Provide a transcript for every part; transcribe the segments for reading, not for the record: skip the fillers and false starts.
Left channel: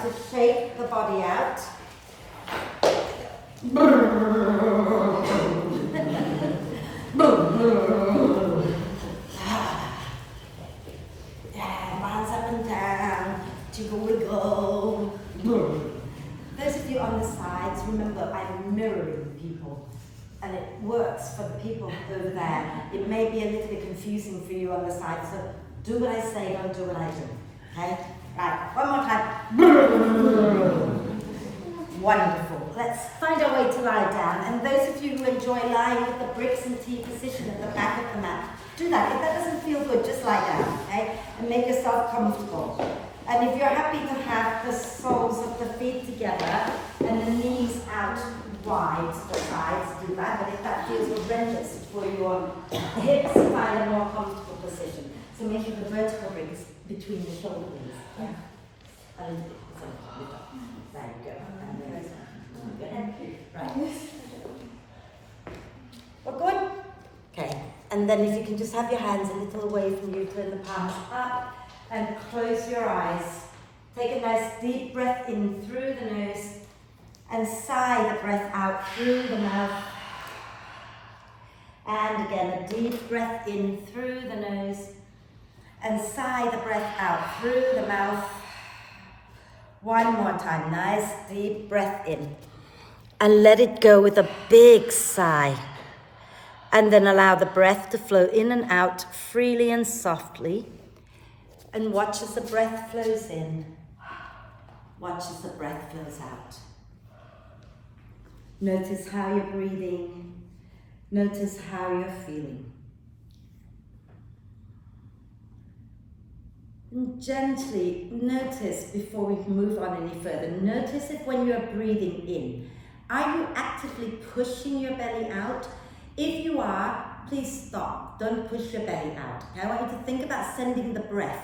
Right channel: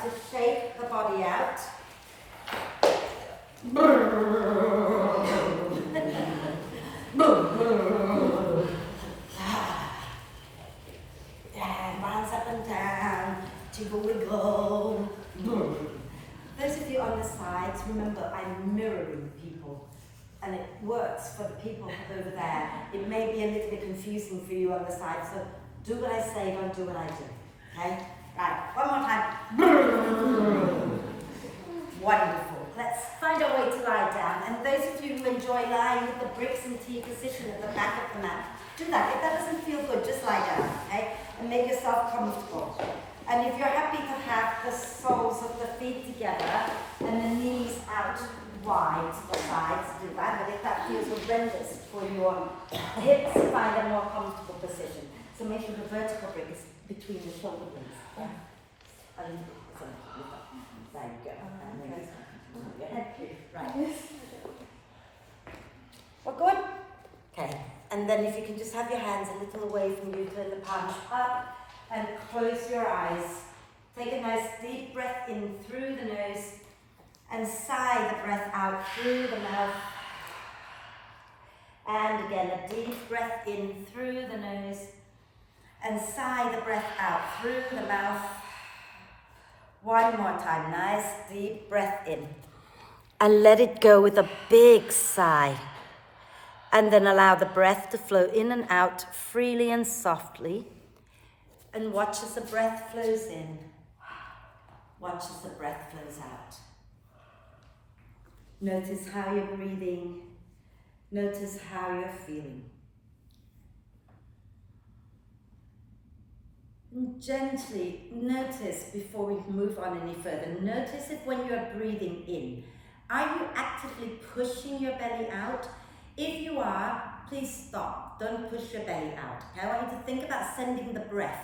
To shake the body out. Yeah, bounce up and down, jiggle wiggle. Those of you on the sides, remember I'm mirroring people and it works for the people over there. It may be a little bit confusing for you on the side, so do what I say, don't do what I do. Okay? Right, one more time. Wonderful. Let's find our way to lie down. And those of you who enjoy lying with the bricks and T position at the back of the mat, do that. If that doesn't feel good, just lie down, okay? And make yourself comfortable. And if you're happy to have the soles of the feet together and the knees out wide to the sides, do that. But if that feels horrendous for your hips, find a more comfortable position. So make sure the vertical rib is between the shoulder blades. Yeah. A little bit. There you go. Right. We're good? Okay. And then if you can just have your hands a little away from you, turn the palms up and close your eyes. Take a nice deep breath in through the nose and sigh the breath out through the mouth. And again, a deep breath in through the nose and sigh the breath out through the mouth. One more time, nice deep breath in. And let it go with a big sigh. And then allow the breath to flow in and out freely and softly. And watch as the breath flows in. Watch as the breath flows out. Notice how you're breathing. Notice how you're feeling. And gently notice before we move on any further. Notice if when you're breathing in, are you actively pushing your belly out? If you are, please stop. Don't push your belly out. Okay? I want you to think about sending the breath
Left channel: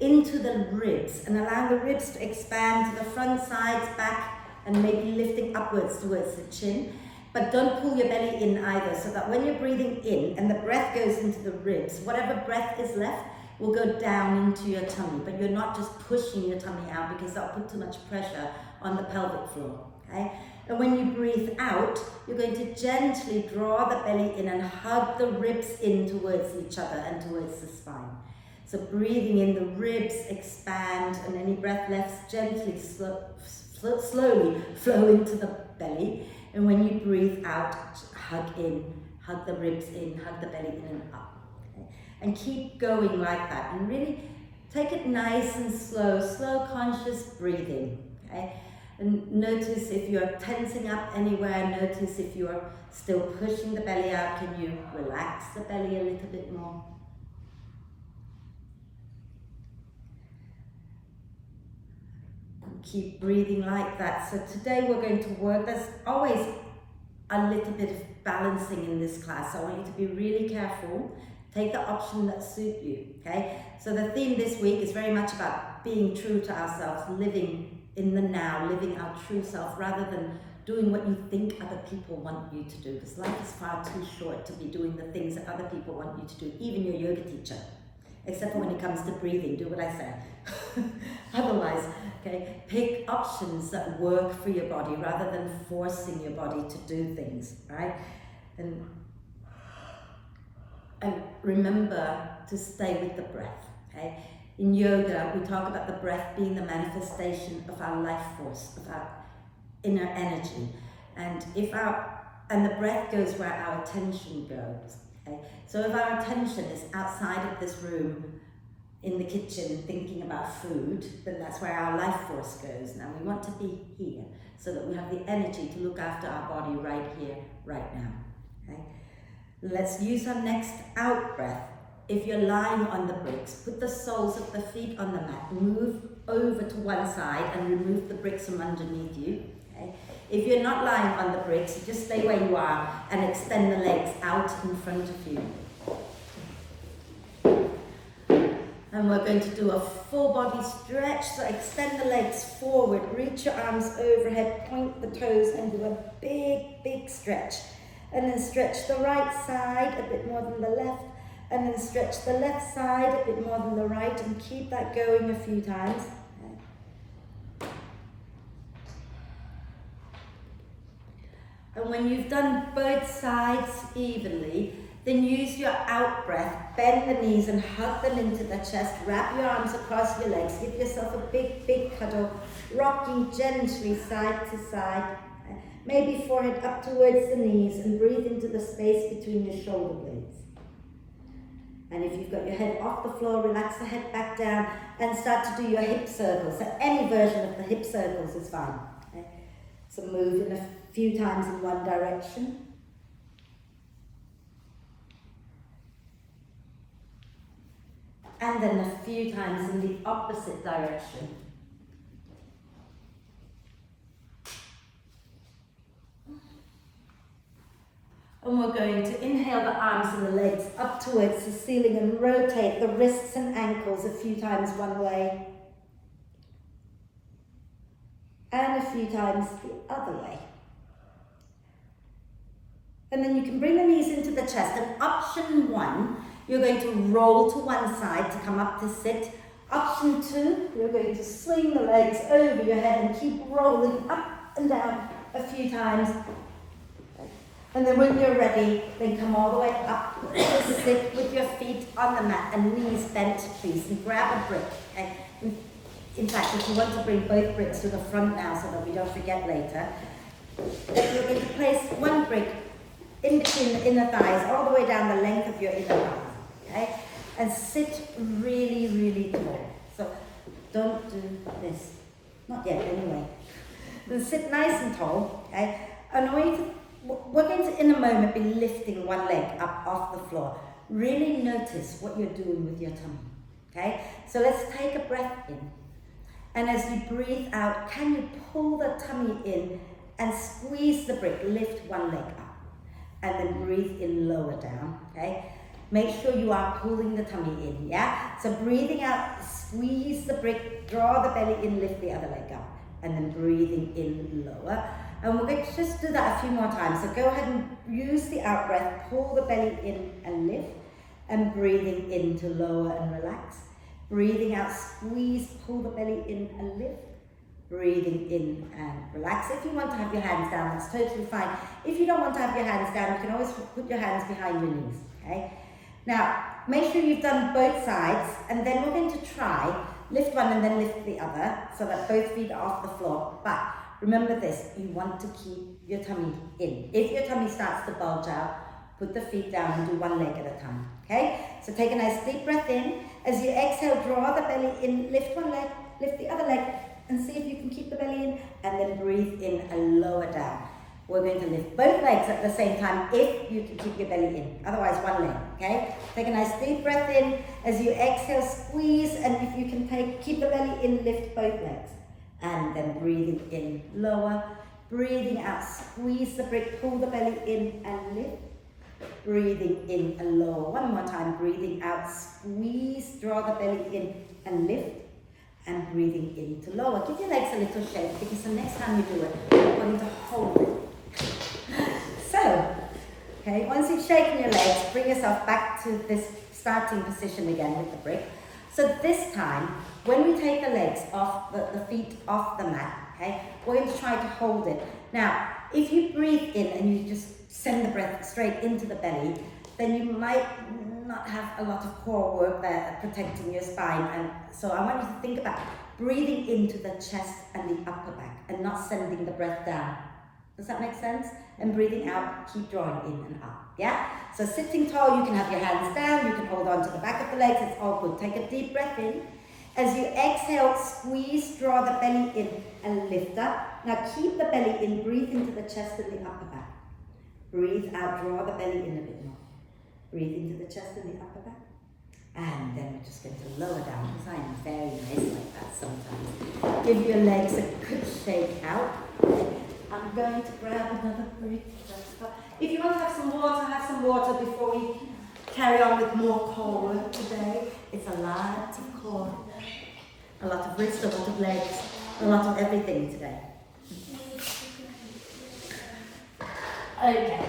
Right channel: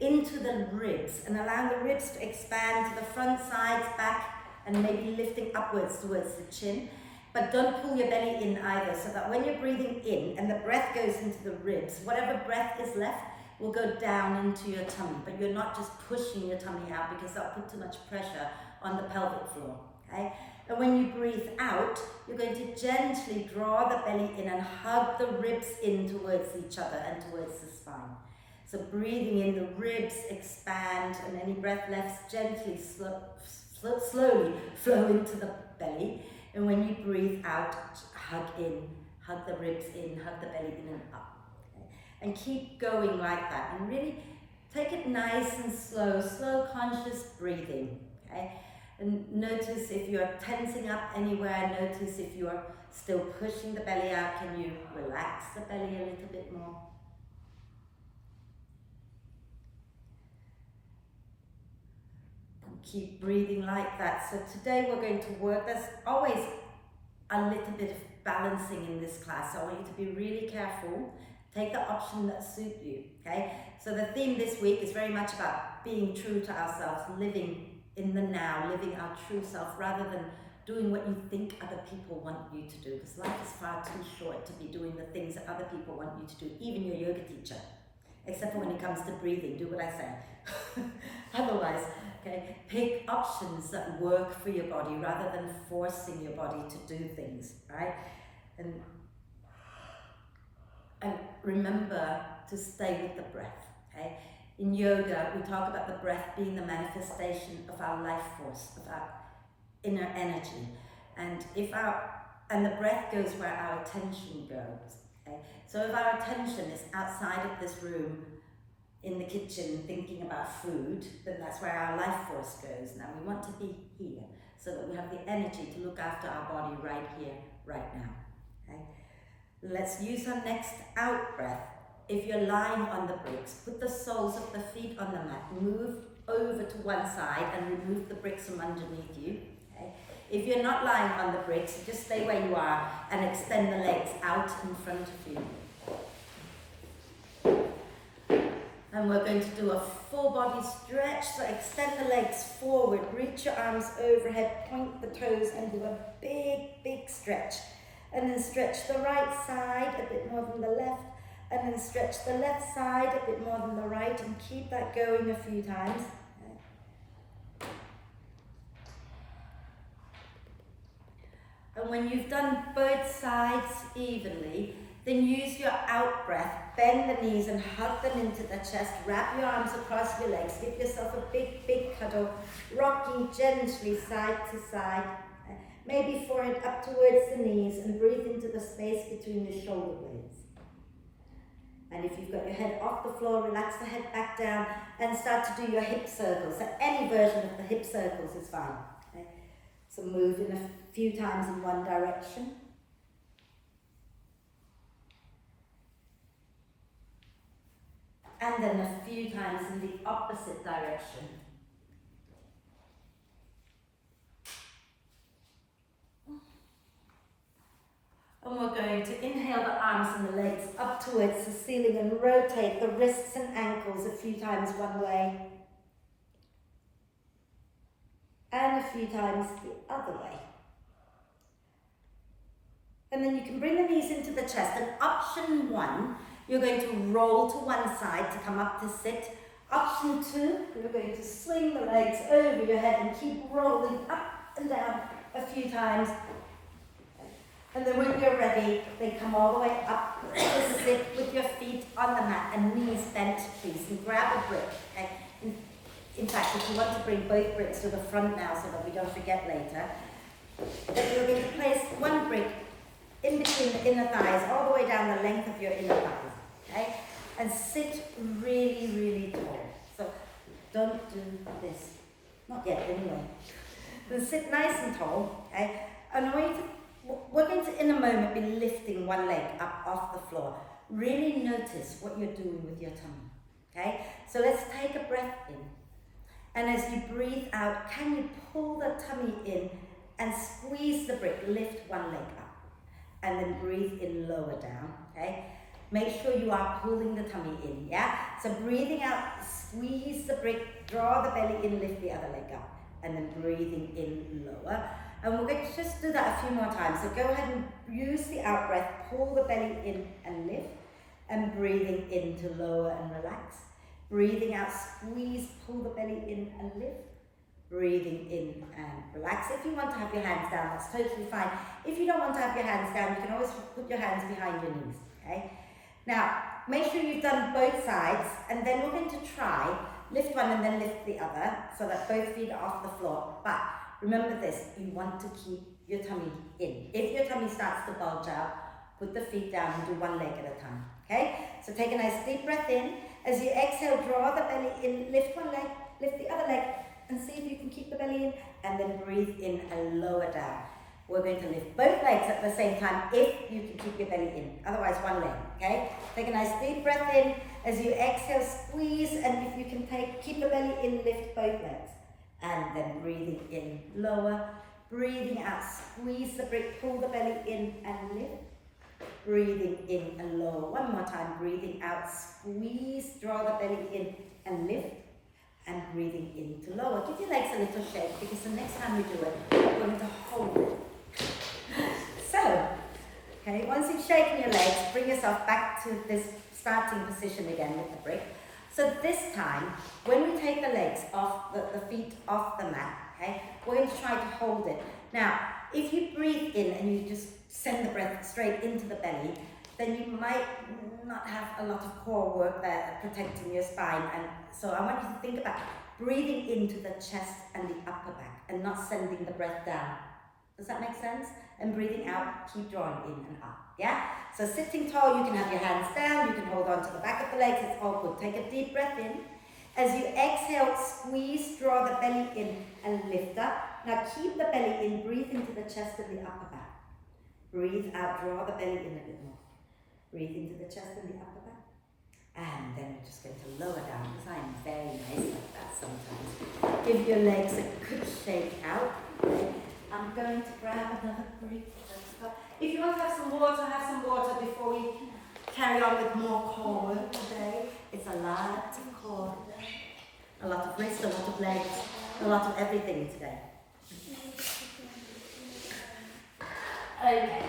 into the ribs and allowing the ribs to expand to the front, sides, back, and maybe lifting upwards towards the chin. But don't pull your belly in either, so that when you're breathing in and the breath goes into the ribs, whatever breath is left will go down into your tummy. But you're not just pushing your tummy out because that'll put too much pressure on the pelvic floor. Okay? And when you breathe out, you're going to gently draw the belly in and hug the ribs in towards each other and towards the spine. So breathing in, the ribs expand, and any breath left gently, slowly flow into the belly. And when you breathe out, hug in, hug the ribs in, hug the belly in and up. Okay? And keep going like that. And really take it nice and slow conscious breathing. Okay? And notice if you're tensing up anywhere, notice if you're still pushing the belly out, can you relax the belly a little bit more? And keep breathing like that. So today we're going to work, there's always a little bit of balancing in this class, so I want you to be really careful. Take the option that suits you, okay? So the theme this week is very much about being true to ourselves, living in the now, living our true self, rather than doing what you think other people want you to do, because life is far too short to be doing the things that other people want you to do, even your yoga teacher, except for when it comes to breathing, do what I say. Otherwise, okay, pick options that work for your body rather than forcing your body to do things, right? And remember to stay with the breath, okay? In yoga, we talk about the breath being the manifestation of our life force, of our inner energy. And the breath goes where our attention goes. Okay? So if our attention is outside of this room, in the kitchen, thinking about food, then that's where our life force goes. Now we want to be here, so that we have the energy to look after our body right here, right now. Okay? Let's use our next out breath. If you're lying on the bricks, put the soles of the feet on the mat, move over to one side and remove the bricks from underneath you. Okay? If you're not lying on the bricks, just stay where you are and extend the legs out in front of you. And we're going to do a full body stretch, so extend the legs forward, reach your arms overhead, point the toes and do a big stretch. And then stretch the right side a bit more than the left, and then stretch the left side a bit more than the right, and keep that going a few times. And when you've done both sides evenly, then use your out breath, bend the knees and hug them into the chest, wrap your arms across your legs, give yourself a big, big cuddle, rocking gently side to side, maybe forehead up towards the knees, and breathe into the space between your shoulder blades. And if you've got your head off the floor, relax the head back down and start to do your hip circles. So any version of the hip circles is fine. Okay? So move in a few times in one direction. And then a few times in the opposite direction. And we're going to inhale the arms and the legs up towards the ceiling and rotate the wrists and ankles a few times one way. And a few times the other way. And then you can bring the knees into the chest. And option 1, you're going to roll to one side to come up to sit. Option 2, you're going to swing the legs over your head and keep rolling up and down a few times. And then when you're ready, then come all the way up to sit with your feet on the mat and knees bent, please. And grab a brick. Okay? In fact, if you want to bring both bricks to the front now so that we don't forget later, then you're going to place one brick in between the inner thighs, all the way down the length of your inner thighs. Okay? And sit really, really tall. So don't do this. Not yet, anyway. Then sit nice and tall. Okay? And we're going to, in a moment, be lifting one leg up off the floor. Really notice what you're doing with your tummy. Okay? So let's take a breath in. And as you breathe out, can you pull the tummy in and squeeze the brick, lift one leg up. And then breathe in, lower down, okay? Make sure you are pulling the tummy in, yeah? So breathing out, squeeze the brick, draw the belly in, lift the other leg up. And then breathing in, lower. And we're going to just do that a few more times. So go ahead and use the out breath, pull the belly in and lift. And breathing in to lower and relax. Breathing out, squeeze, pull the belly in and lift. Breathing in and relax. If you want to have your hands down, that's totally fine. If you don't want to have your hands down, you can always put your hands behind your knees, okay? Now, make sure you've done both sides, and then we're going to try, lift one and then lift the other, so that both feet are off the floor. But remember this, you want to keep your tummy in. If your tummy starts to bulge out, put the feet down and do one leg at a time, okay? So take a nice deep breath in. As you exhale, draw the belly in, lift one leg, lift the other leg, and see if you can keep the belly in, and then breathe in and lower down. We're going to lift both legs at the same time if you can keep your belly in, otherwise one leg, okay? Take a nice deep breath in. As you exhale, squeeze, and if you can keep the belly in, lift both legs. And then breathing in, lower. Breathing out, squeeze the brick, pull the belly in and lift. Breathing in and lower. One more time, breathing out, squeeze, draw the belly in and lift. And breathing in to lower. Give your legs a little shake, because the next time you do it, we're going to hold it. So, okay, once you've shaken your legs, bring yourself back to this starting position again with the brick. So this time, when we take the legs off, the feet off the mat, okay, we're going to try to hold it. Now, if you breathe in and you just send the breath straight into the belly, then you might not have a lot of core work there protecting your spine. And so I want you to think about breathing into the chest and the upper back and not sending the breath down. Does that make sense? And breathing out, keep drawing in and up, yeah? So sitting tall, you can have your hands down, you can hold on to the back of the legs, it's all good. Take a deep breath in. As you exhale, squeeze, draw the belly in and lift up. Now keep the belly in, breathe into the chest and the upper back. Breathe out, draw the belly in a bit more. Breathe into the chest and the upper back. And then we're just going to lower down, because I'm very nice like that sometimes. Give your legs a good shake out. I'm going to grab another brick. If you want to have some water before we carry on with more core work today. It's a lot of core, a lot of wrist, a lot of legs, a lot of everything today. Okay.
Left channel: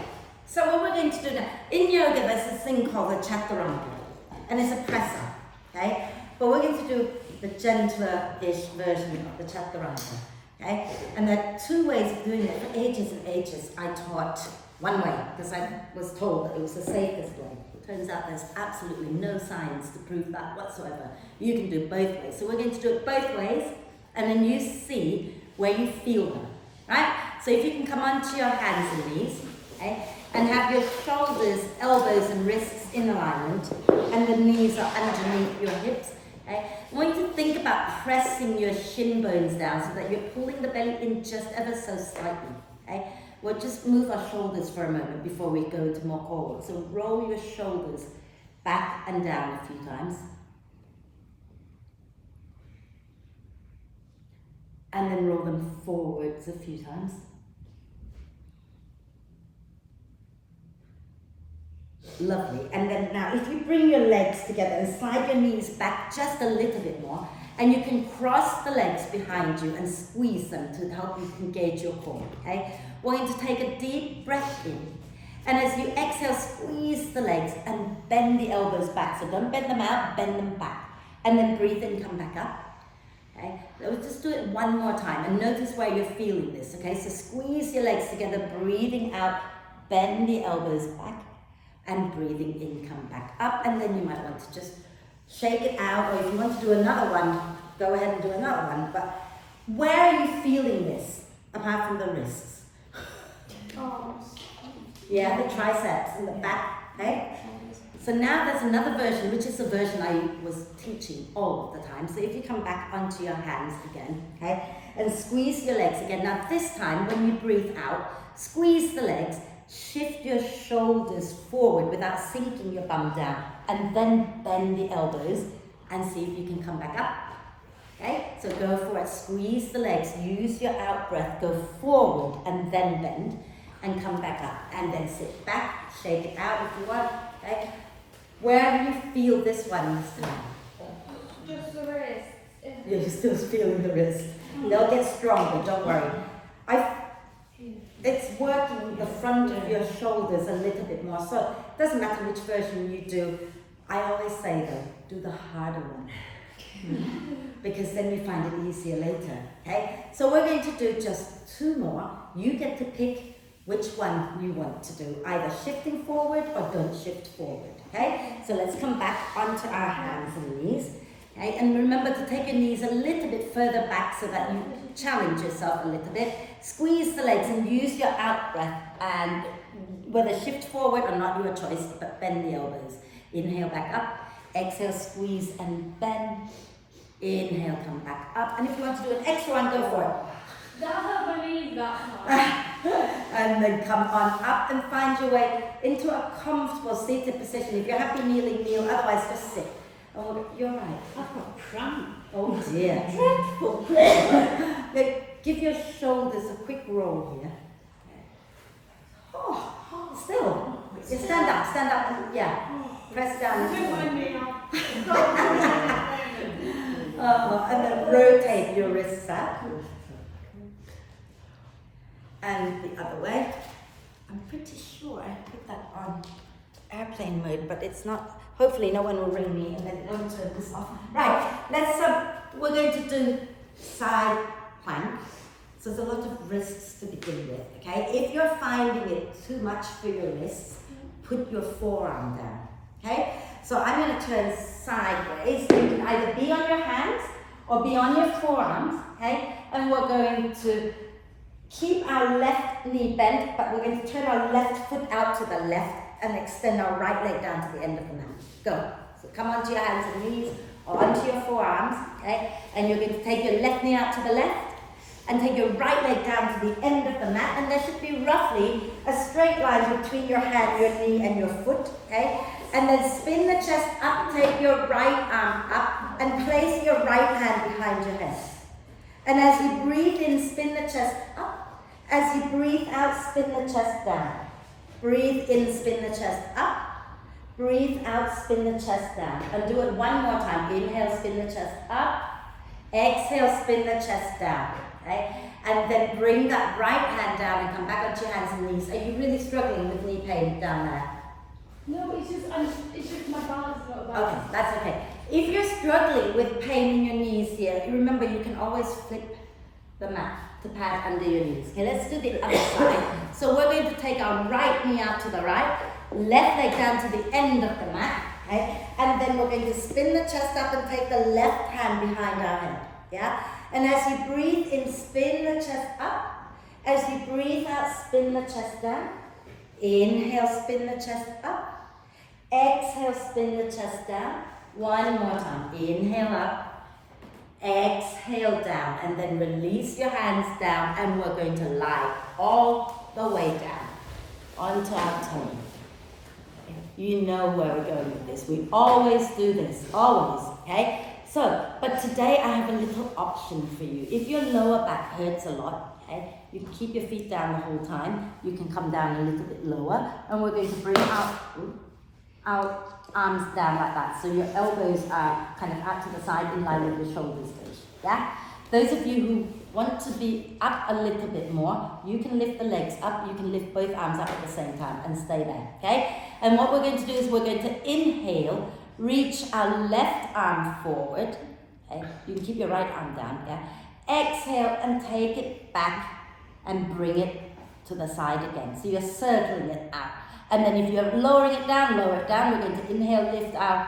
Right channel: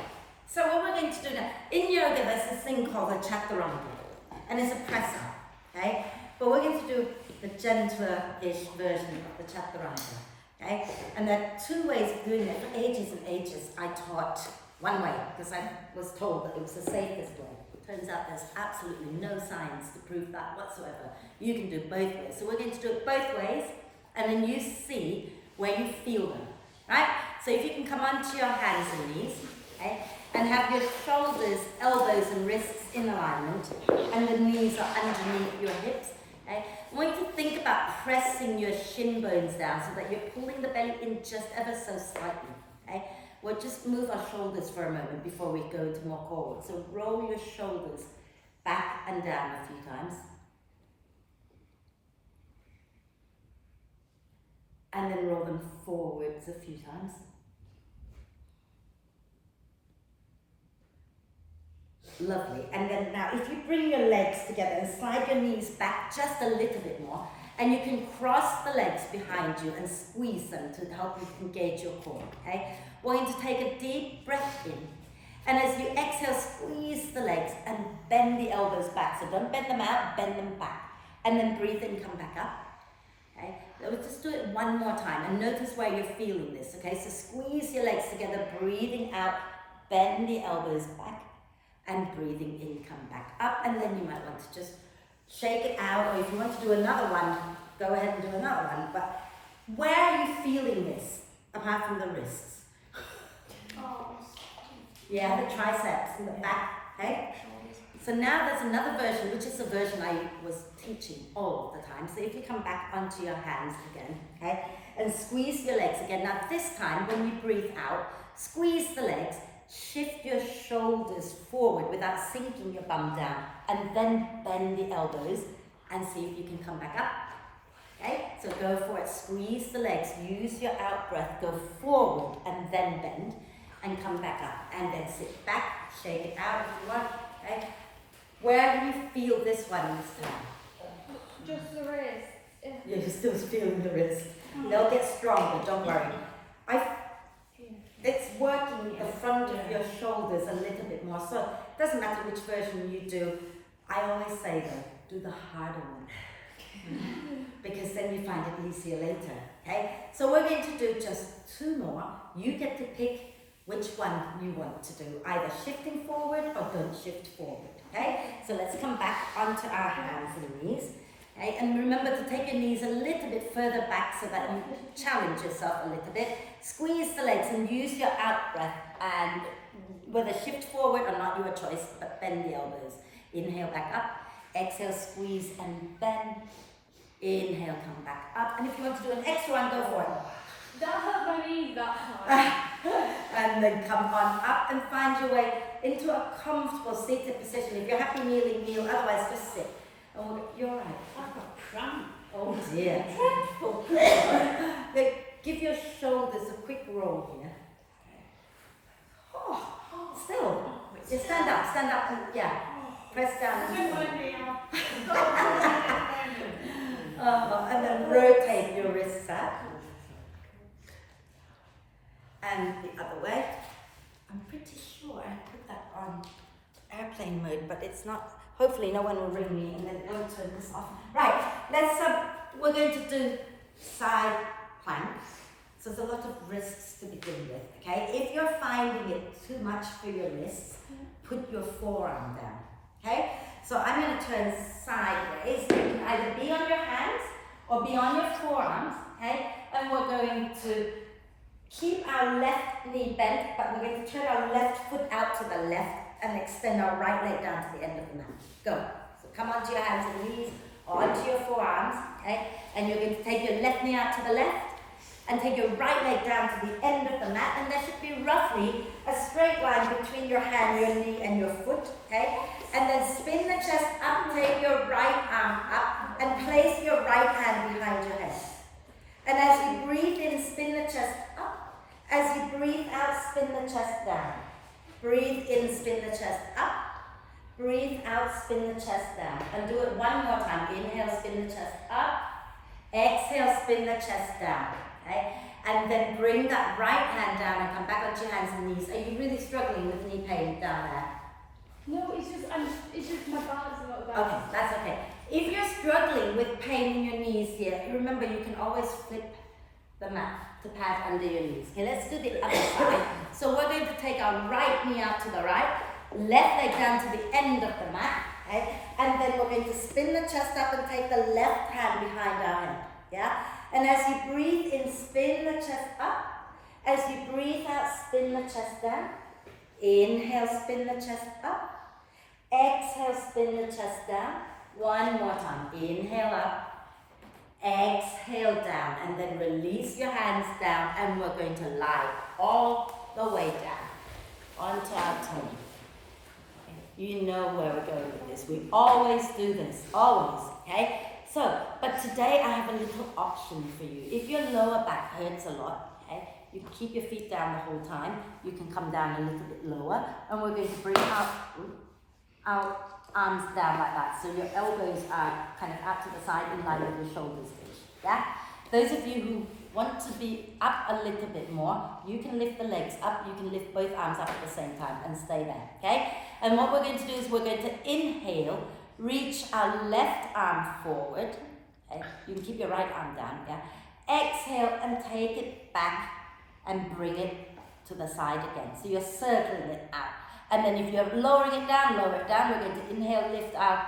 So what we're going to do now, in yoga there's this thing called the chaturanga, and it's a press up, okay? But we're going to do the gentler-ish version of the chaturanga. Okay? And there are two ways of doing it. For ages and ages, I taught one way because I was told that it was the safest way. It turns out there's absolutely no science to prove that whatsoever. You can do both ways. So we're going to do it both ways, and then you see where you feel them, right? So if you can come onto your hands and knees, okay, and have your shoulders, elbows and wrists in alignment, and the knees are underneath your hips. Okay? I want you to think about pressing your shin bones down so that you're pulling the belly in just ever so slightly. Okay? We'll just move our shoulders for a moment before we go into more core work. So roll your shoulders back and down a few times. And then roll them forwards a few times. Lovely. And then now if you bring your legs together and slide your knees back just a little bit more, and you can cross the legs behind you and squeeze them to help you engage your core. Okay? We're going to take a deep breath in. And as you exhale, squeeze the legs and bend the elbows back. So don't bend them out, bend them back. And then breathe in, come back up. Okay? So just do it one more time and notice where you're feeling this. Okay? So squeeze your legs together, breathing out, bend the elbows back. And breathing in, come back up, and then you might want to just shake it out, or if you want to do another one, go ahead and do another one. But where are you feeling this, apart from the wrists? Yeah, the triceps and the back, okay? So now there's another version, which is the version I was teaching all of the time. So if you come back onto your hands again, okay, and squeeze your legs again. Now this time, when you breathe out, squeeze the legs, shift your shoulders forward without sinking your bum down, and then bend the elbows and see if you can come back up. Okay, so go for it, squeeze the legs, use your out breath, go forward and then bend and come back up, and then sit back, shake it out if you want. Okay, where do you feel this one this time? Just the wrist. Yeah, you're still feeling the wrist. They'll get stronger, don't worry. It's working the front of your shoulders a little bit more. So it doesn't matter which version you do. I always say though, do the harder one. Because then you find it easier later. Okay? So we're going to do just two more. You get to pick which one you want to do. Either shifting forward or don't shift forward. Okay? So let's come back onto our hands and knees. Okay? And remember to take your knees a little bit further back so that you challenge yourself a little bit. Squeeze the legs and use your out breath, and whether shift forward or not, your choice, but bend the elbows. Inhale, back up. Exhale, squeeze and bend. Inhale, come back up. And if you want to do an extra one, go for it. That hurt my knees that time. And then come on up and find your way into a comfortable seated position. If you're happy kneeling, kneel. Otherwise, just sit. And we'll go, you're right. I've got cramp. Oh dear. Dreadful. Yeah, give your shoulders a quick roll here. Oh, still. Yeah, stand up, and yeah, press down. And then rotate your wrists out. And the other way. I'm pretty sure I put that on airplane mode, but it's not. Hopefully no one will ring me and then won't turn this off. Right, we're going to do side plank. So there's a lot of wrists to begin with, okay? If you're finding it too much for your wrists, put your forearm down, okay? So I'm going to turn sideways. You can either be on your hands or be on your forearms, okay? And we're going to keep our left knee bent, but we're going to turn our left foot out to the left and extend our right leg down to the end of the mat. Go. So come onto your hands and knees or onto your forearms, okay? And you're going to take your left knee out to the left and take your right leg down to the end of the mat, and there should be roughly a straight line between your hand, your knee and your foot, okay? And then spin the chest up, take your right arm up and place your right hand behind your head. And as you breathe in, spin the chest up. As you breathe out, spin the chest down. Breathe in, spin the chest up. Breathe out, spin the chest down. And do it one more time. Inhale, spin the chest up. Exhale, spin the chest down. Okay? And then bring that right hand down and come back onto your hands and knees. Are you really struggling with knee pain down there? No, it's just my balance is not there. Okay, that's okay. If you're struggling with pain in your knees here, remember you can always flip the mat. to pad under your knees. Okay, let's do the other side. So we're going to take our right knee out to the right, left leg down to the end of the mat, okay? And then we're going to spin the chest up and take the left hand behind our head, yeah? And as you breathe in, spin the chest up. As you breathe out, spin the chest down. Inhale, spin the chest up. Exhale, spin the chest down. One more time. Inhale up. Exhale down. And then release your hands down. And we're going to lie all the way down onto our tummy. You know where we're going with this. We always do this. Always. Okay? So, but today I have a little option for you. If your lower back hurts a lot, okay, you can keep your feet down the whole time. You can come down a little bit lower. And we're going to bring our arms down like that. So your elbows are kind of out to the side in line with your shoulders. Yeah? Those of you who want to be up a little bit more, you can lift the legs up. You can lift both arms up at the same time and stay there. Okay? And what we're going to do is we're going to inhale, reach our left arm forward. Okay? You can keep your right arm down. Yeah? Exhale and take it back and bring it to the side again. So you're circling it out. And then if you're lowering it down, lower it down. We're going to inhale, lift our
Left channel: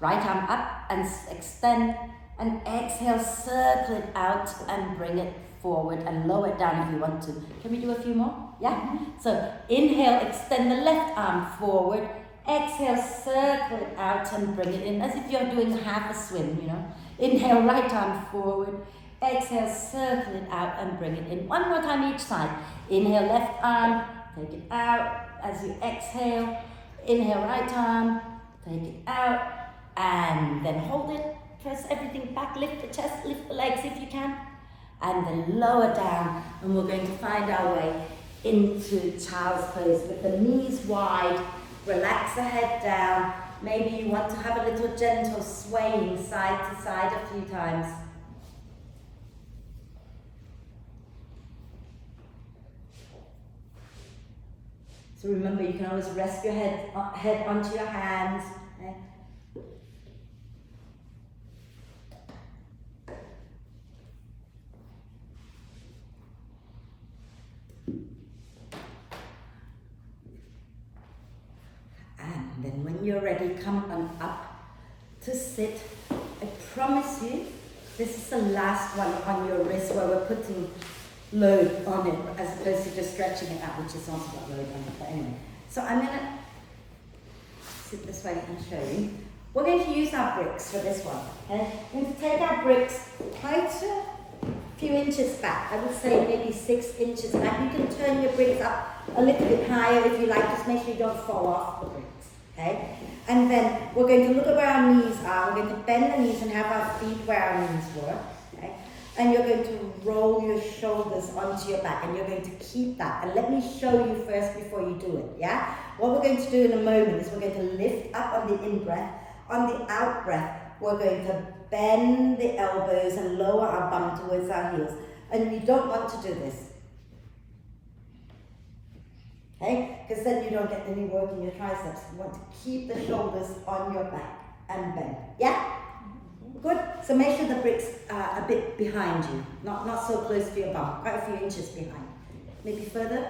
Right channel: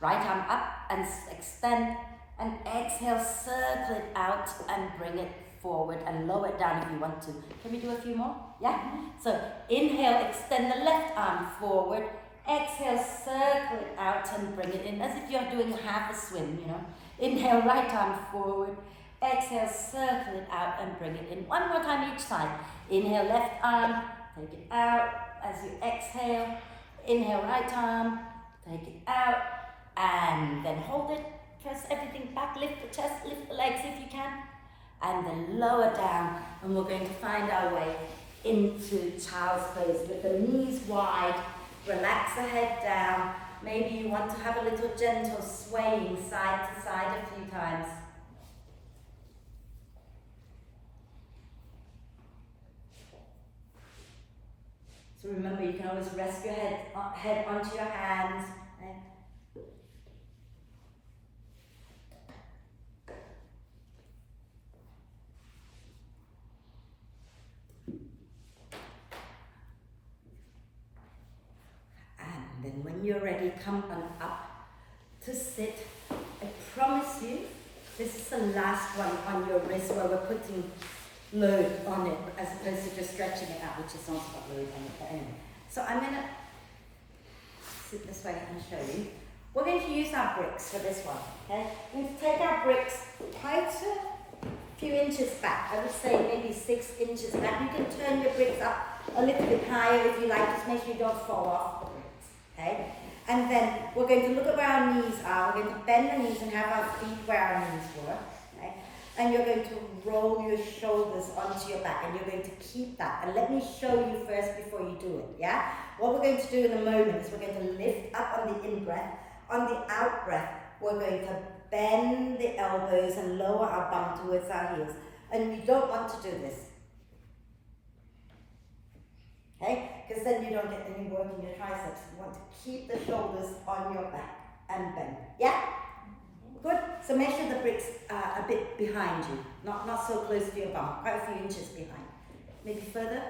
right arm up and extend. And exhale, circle it out and bring it forward and lower it down if you want to. Can we do a few more? Yeah? So inhale, extend the left arm forward. Exhale, circle it out and bring it in as if you're doing half a swim, you know. Inhale, right arm forward. Exhale, circle it out and bring it in. One more time each side. Inhale, left arm, take it out. As you exhale, inhale, right arm, take it out. And then hold it. Press everything back, lift the chest, lift the legs if you can. And then lower down. And we're going to find our way into child's pose with the knees wide. Relax the head down. Maybe you want to have a little gentle swaying side to side a few times. So remember, you can always rest your head onto your hands. Okay? And then when you're ready, come on up to sit. I promise you, this is the last one on your wrist where we're putting load on it as opposed to just stretching it out, which is also got load on it. But anyway, so I'm going to sit this way and show you. We're going to use our bricks for this one. Okay, we're going to take our bricks quite a few inches back. I would say maybe 6 inches back. You can turn your bricks up a little bit higher if you like. Just make sure you don't fall off the bricks. Okay, and then we're going to look at where our knees are. We're going to bend the knees and have our feet where our knees were. Okay. And you're going to roll your shoulders onto your back and you're going to keep that. And let me show you first before you do it, yeah? What we're going to do in a moment is we're going to lift up on the in-breath. On the out-breath, we're going to bend the elbows and lower our bum towards our heels. And you don't want to do this. Okay? Because then you don't get any work in your triceps. You want to keep the shoulders on your back and bend. Yeah? Good. So make sure the bricks are a bit behind you, not so close to your bum, quite a few inches behind. Maybe further,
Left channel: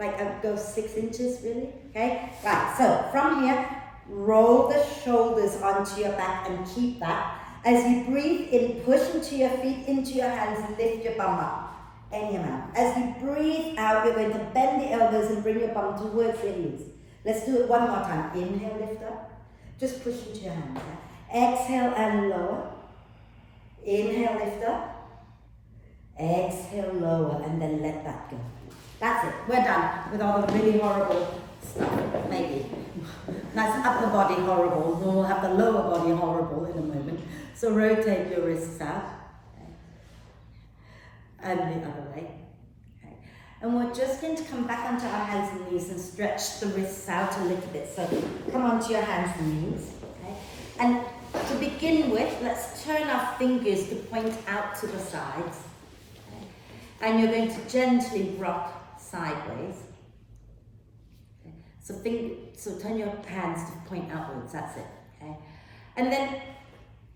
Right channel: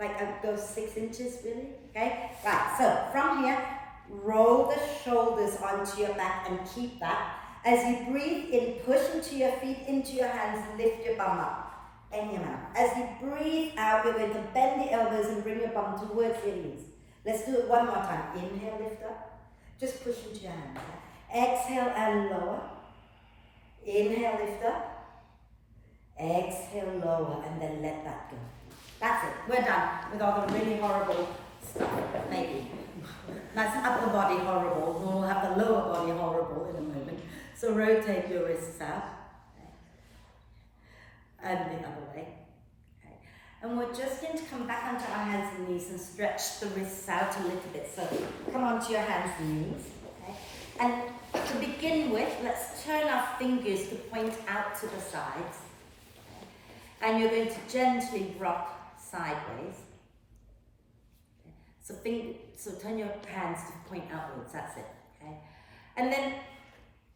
like go 6 inches really. Okay. Right. So from here, roll the shoulders onto your back and keep that. As you breathe in, push into your feet, into your hands, lift your bum up any amount. As you breathe out, you're going to bend the elbows and bring your bum towards your knees. Let's do it one more time. Inhale, lift up. Just push into your hands. Yeah? Exhale and lower. Inhale, lift up. Exhale, lower, and then let that go. That's it. We're done with all the really horrible stuff, maybe. That's upper body horrible. We'll have the lower body horrible in a moment. So rotate your wrists out. Okay. And the other way. Okay. And we're just going to come back onto our hands and knees and stretch the wrists out a little bit. So come onto your hands and knees. Okay. And to begin with, let's turn our fingers to point out to the sides. Okay. And you're going to gently rock sideways. Okay. So turn your hands to point outwards, that's it. Okay. And then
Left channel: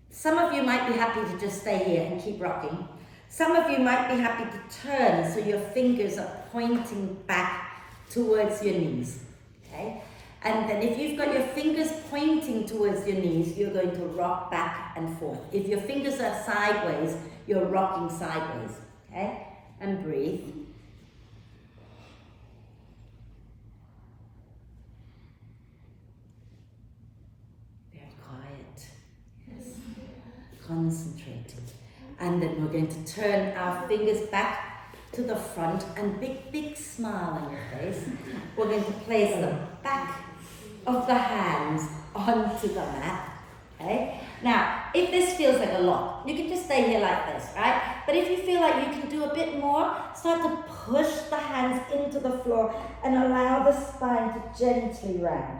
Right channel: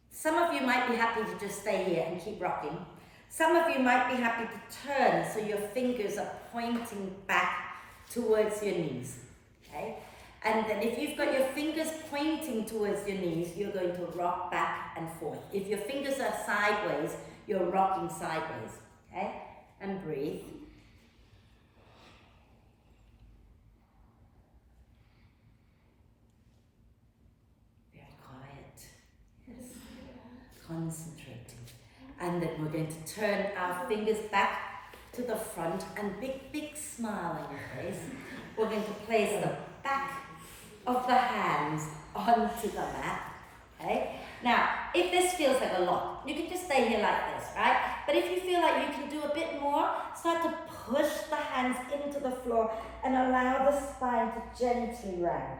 some of you might be happy to just stay here and keep rocking. Some of you might be happy to turn so your fingers are pointing back towards your knees, okay? And then if you've got your fingers pointing towards your knees, you're going to rock back and forth. If your fingers are sideways, you're rocking sideways, okay? And breathe. Very quiet, yes. Concentrating. And then we're going to turn our fingers back to the front and big smile on your face. We're going to place the back of the hands onto the mat, okay? Now, if this feels like a lot, you can just stay here like this, right? But if you feel like you can do a bit more, start to push the hands into the floor and allow the spine to gently round.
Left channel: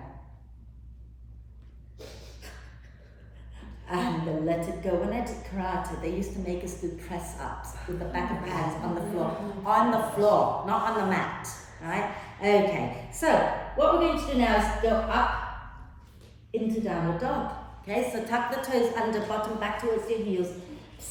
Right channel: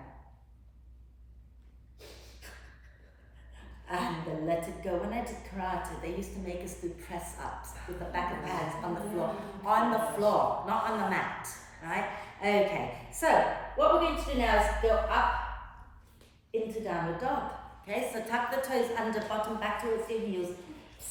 And then let it go. When I did karate, they used to make us do press-ups with the back of the hands on the floor. On the floor, not on the mat, right? Okay, so what we're going to do now is go up into downward dog. Okay, so tuck the toes under, bottom back towards your heels.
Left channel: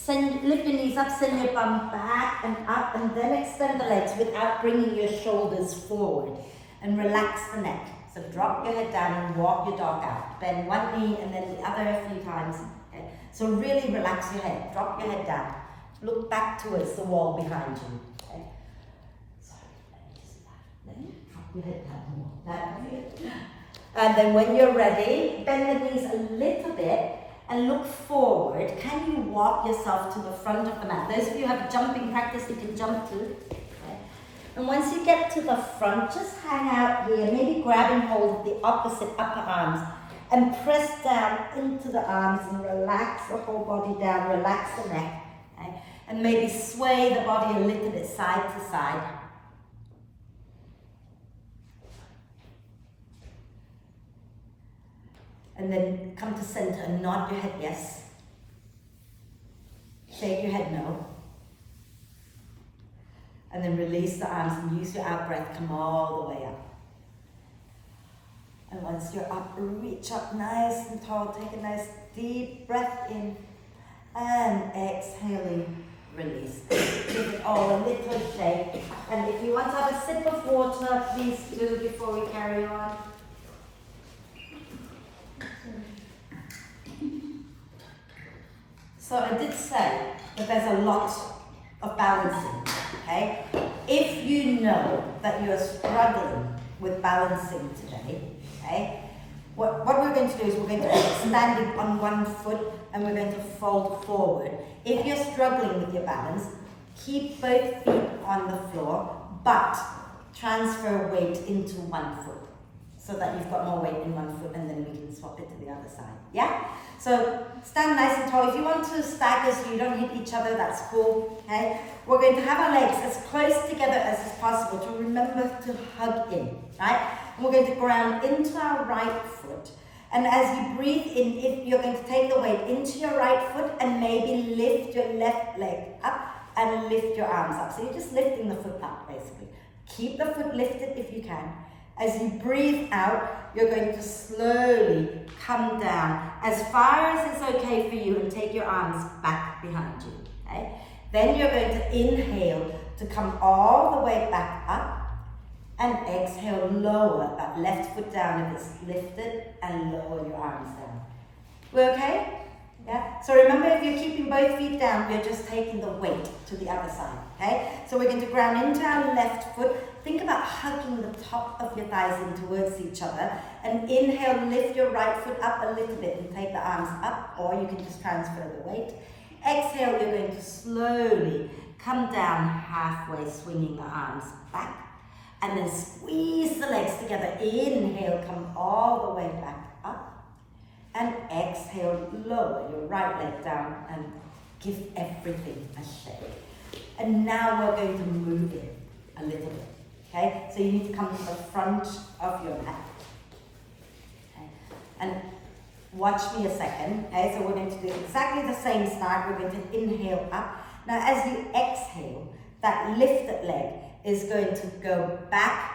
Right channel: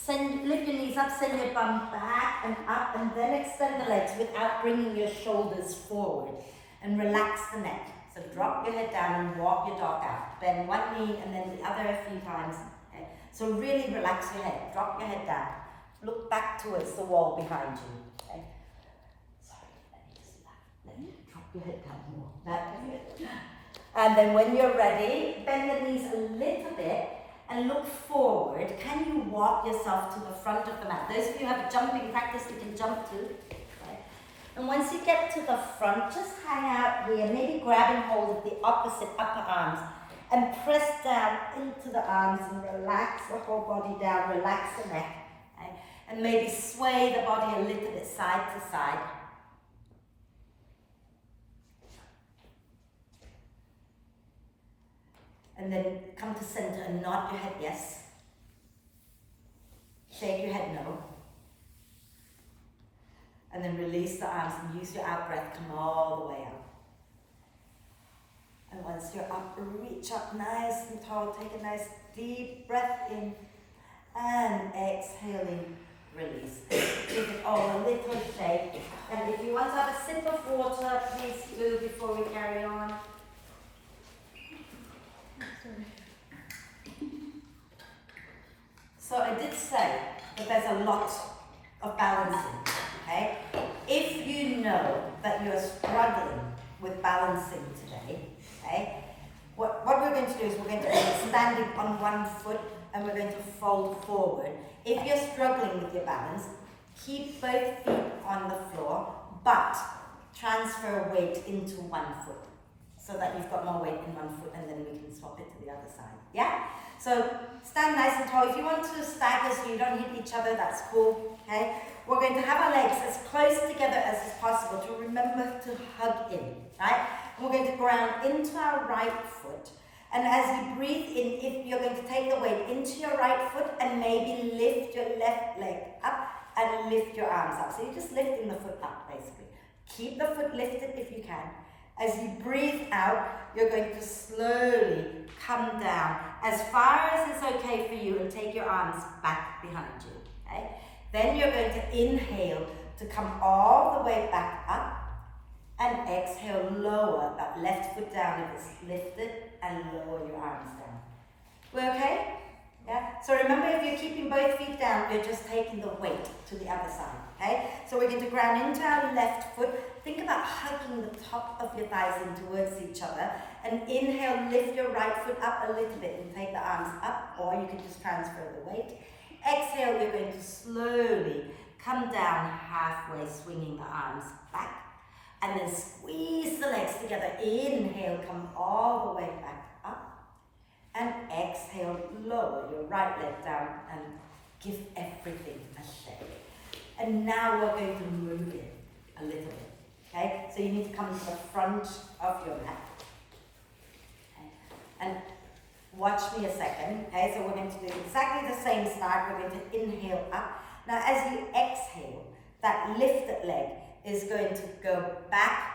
Lift your knees up, send your bum back and up, and then extend the legs without bringing your shoulders forward. And relax the neck. So drop your head down and walk your dog out. Bend one knee and then the other a few times. Okay? So really relax your head. Drop your head down. Look back towards the wall behind you. Okay? Sorry, let me just then drop your head down more. That's it. And then when you're ready, bend the knees a little bit and look forward. Can you walk yourself to the front of the mat? Those of you who have jumping practice, you can jump too. And once you get to the front, just hang out here, maybe grabbing hold of the opposite upper arms and press down into the arms and relax the whole body down, relax the neck. Okay? And maybe sway the body a little bit side to side. And then come to center and nod your head yes. Shake your head no. And then release the arms and use your out breath, come all the way up. And once you're up, reach up nice and tall, take a nice deep breath in and exhaling, release. Give it all a little shake. And if you want to have a sip of water, please do before we carry on. So I did say that there's a lot of balancing. Okay? If you know that you're struggling with balancing today, okay, what we're going to do is we're going to be standing on one foot and we're going to fold forward. If you're struggling with your balance, keep both feet on the floor, but transfer weight into one foot so that you've got more weight in one foot and then we can swap it to the other side. Yeah? So stand nice and tall. If you want to stagger so you don't hit each other, that's cool. Okay? We're going to have our legs as close together as is possible to remember to hug in, right? And we're going to ground into our right foot. And as you breathe in, if you're going to take the weight into your right foot and maybe lift your left leg up and lift your arms up. So you're just lifting the foot up, basically. Keep the foot lifted if you can. As you breathe out, you're going to slowly come down as far as it's okay for you and take your arms back behind you, okay? Then you're going to inhale to come all the way back up and exhale, lower that left foot down if it's lifted and lower your arms down. We okay? Yeah? So remember, if you're keeping both feet down, you're just taking the weight to the other side, okay? So we're going to ground into our left foot. Think about hugging the top of your thighs in towards each other. And inhale, lift your right foot up a little bit and take the arms up, or you can just transfer the weight. Exhale, you're going to slowly come down halfway, swinging the arms back. And then squeeze the legs together. Inhale, come all the way back up. And exhale, lower your right leg down and give everything a shake. And now we're going to move it a little bit. Okay? So you need to come to the front of your mat. Okay? And watch me a second. Okay? So we're going to do exactly the same start. We're going to inhale up. Now as you exhale, that lifted leg is going to go back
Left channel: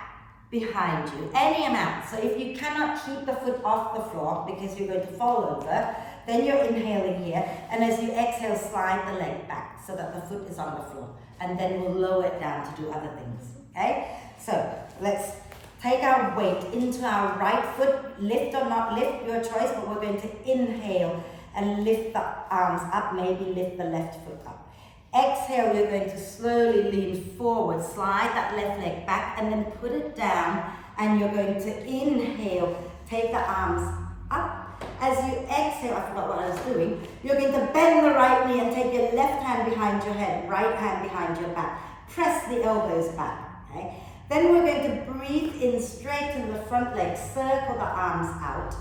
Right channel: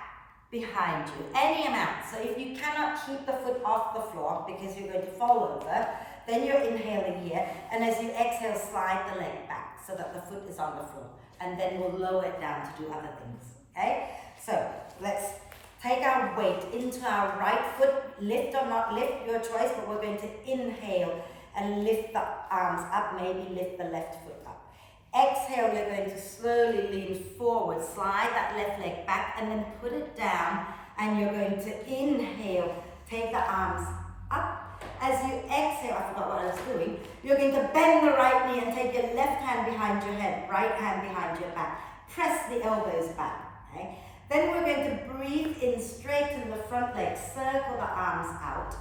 behind you, any amount. So if you cannot keep the foot off the floor because you're going to fall over, then you're inhaling here, and as you exhale, slide the leg back so that the foot is on the floor, and then we'll lower it down to do other things, okay? So let's take our weight into our right foot, lift or not lift, your choice, but we're going to inhale and lift the arms up, maybe lift the left foot up. Exhale, you're going to slowly lean forward, slide that left leg back, and then put it down, and you're going to inhale, take the arms up. As you exhale, I forgot what I was doing, you're going to bend the right knee and take your left hand behind your head, right hand behind your back. Press the elbows back, okay? Then we're going to breathe in, straighten the front leg, circle the arms out.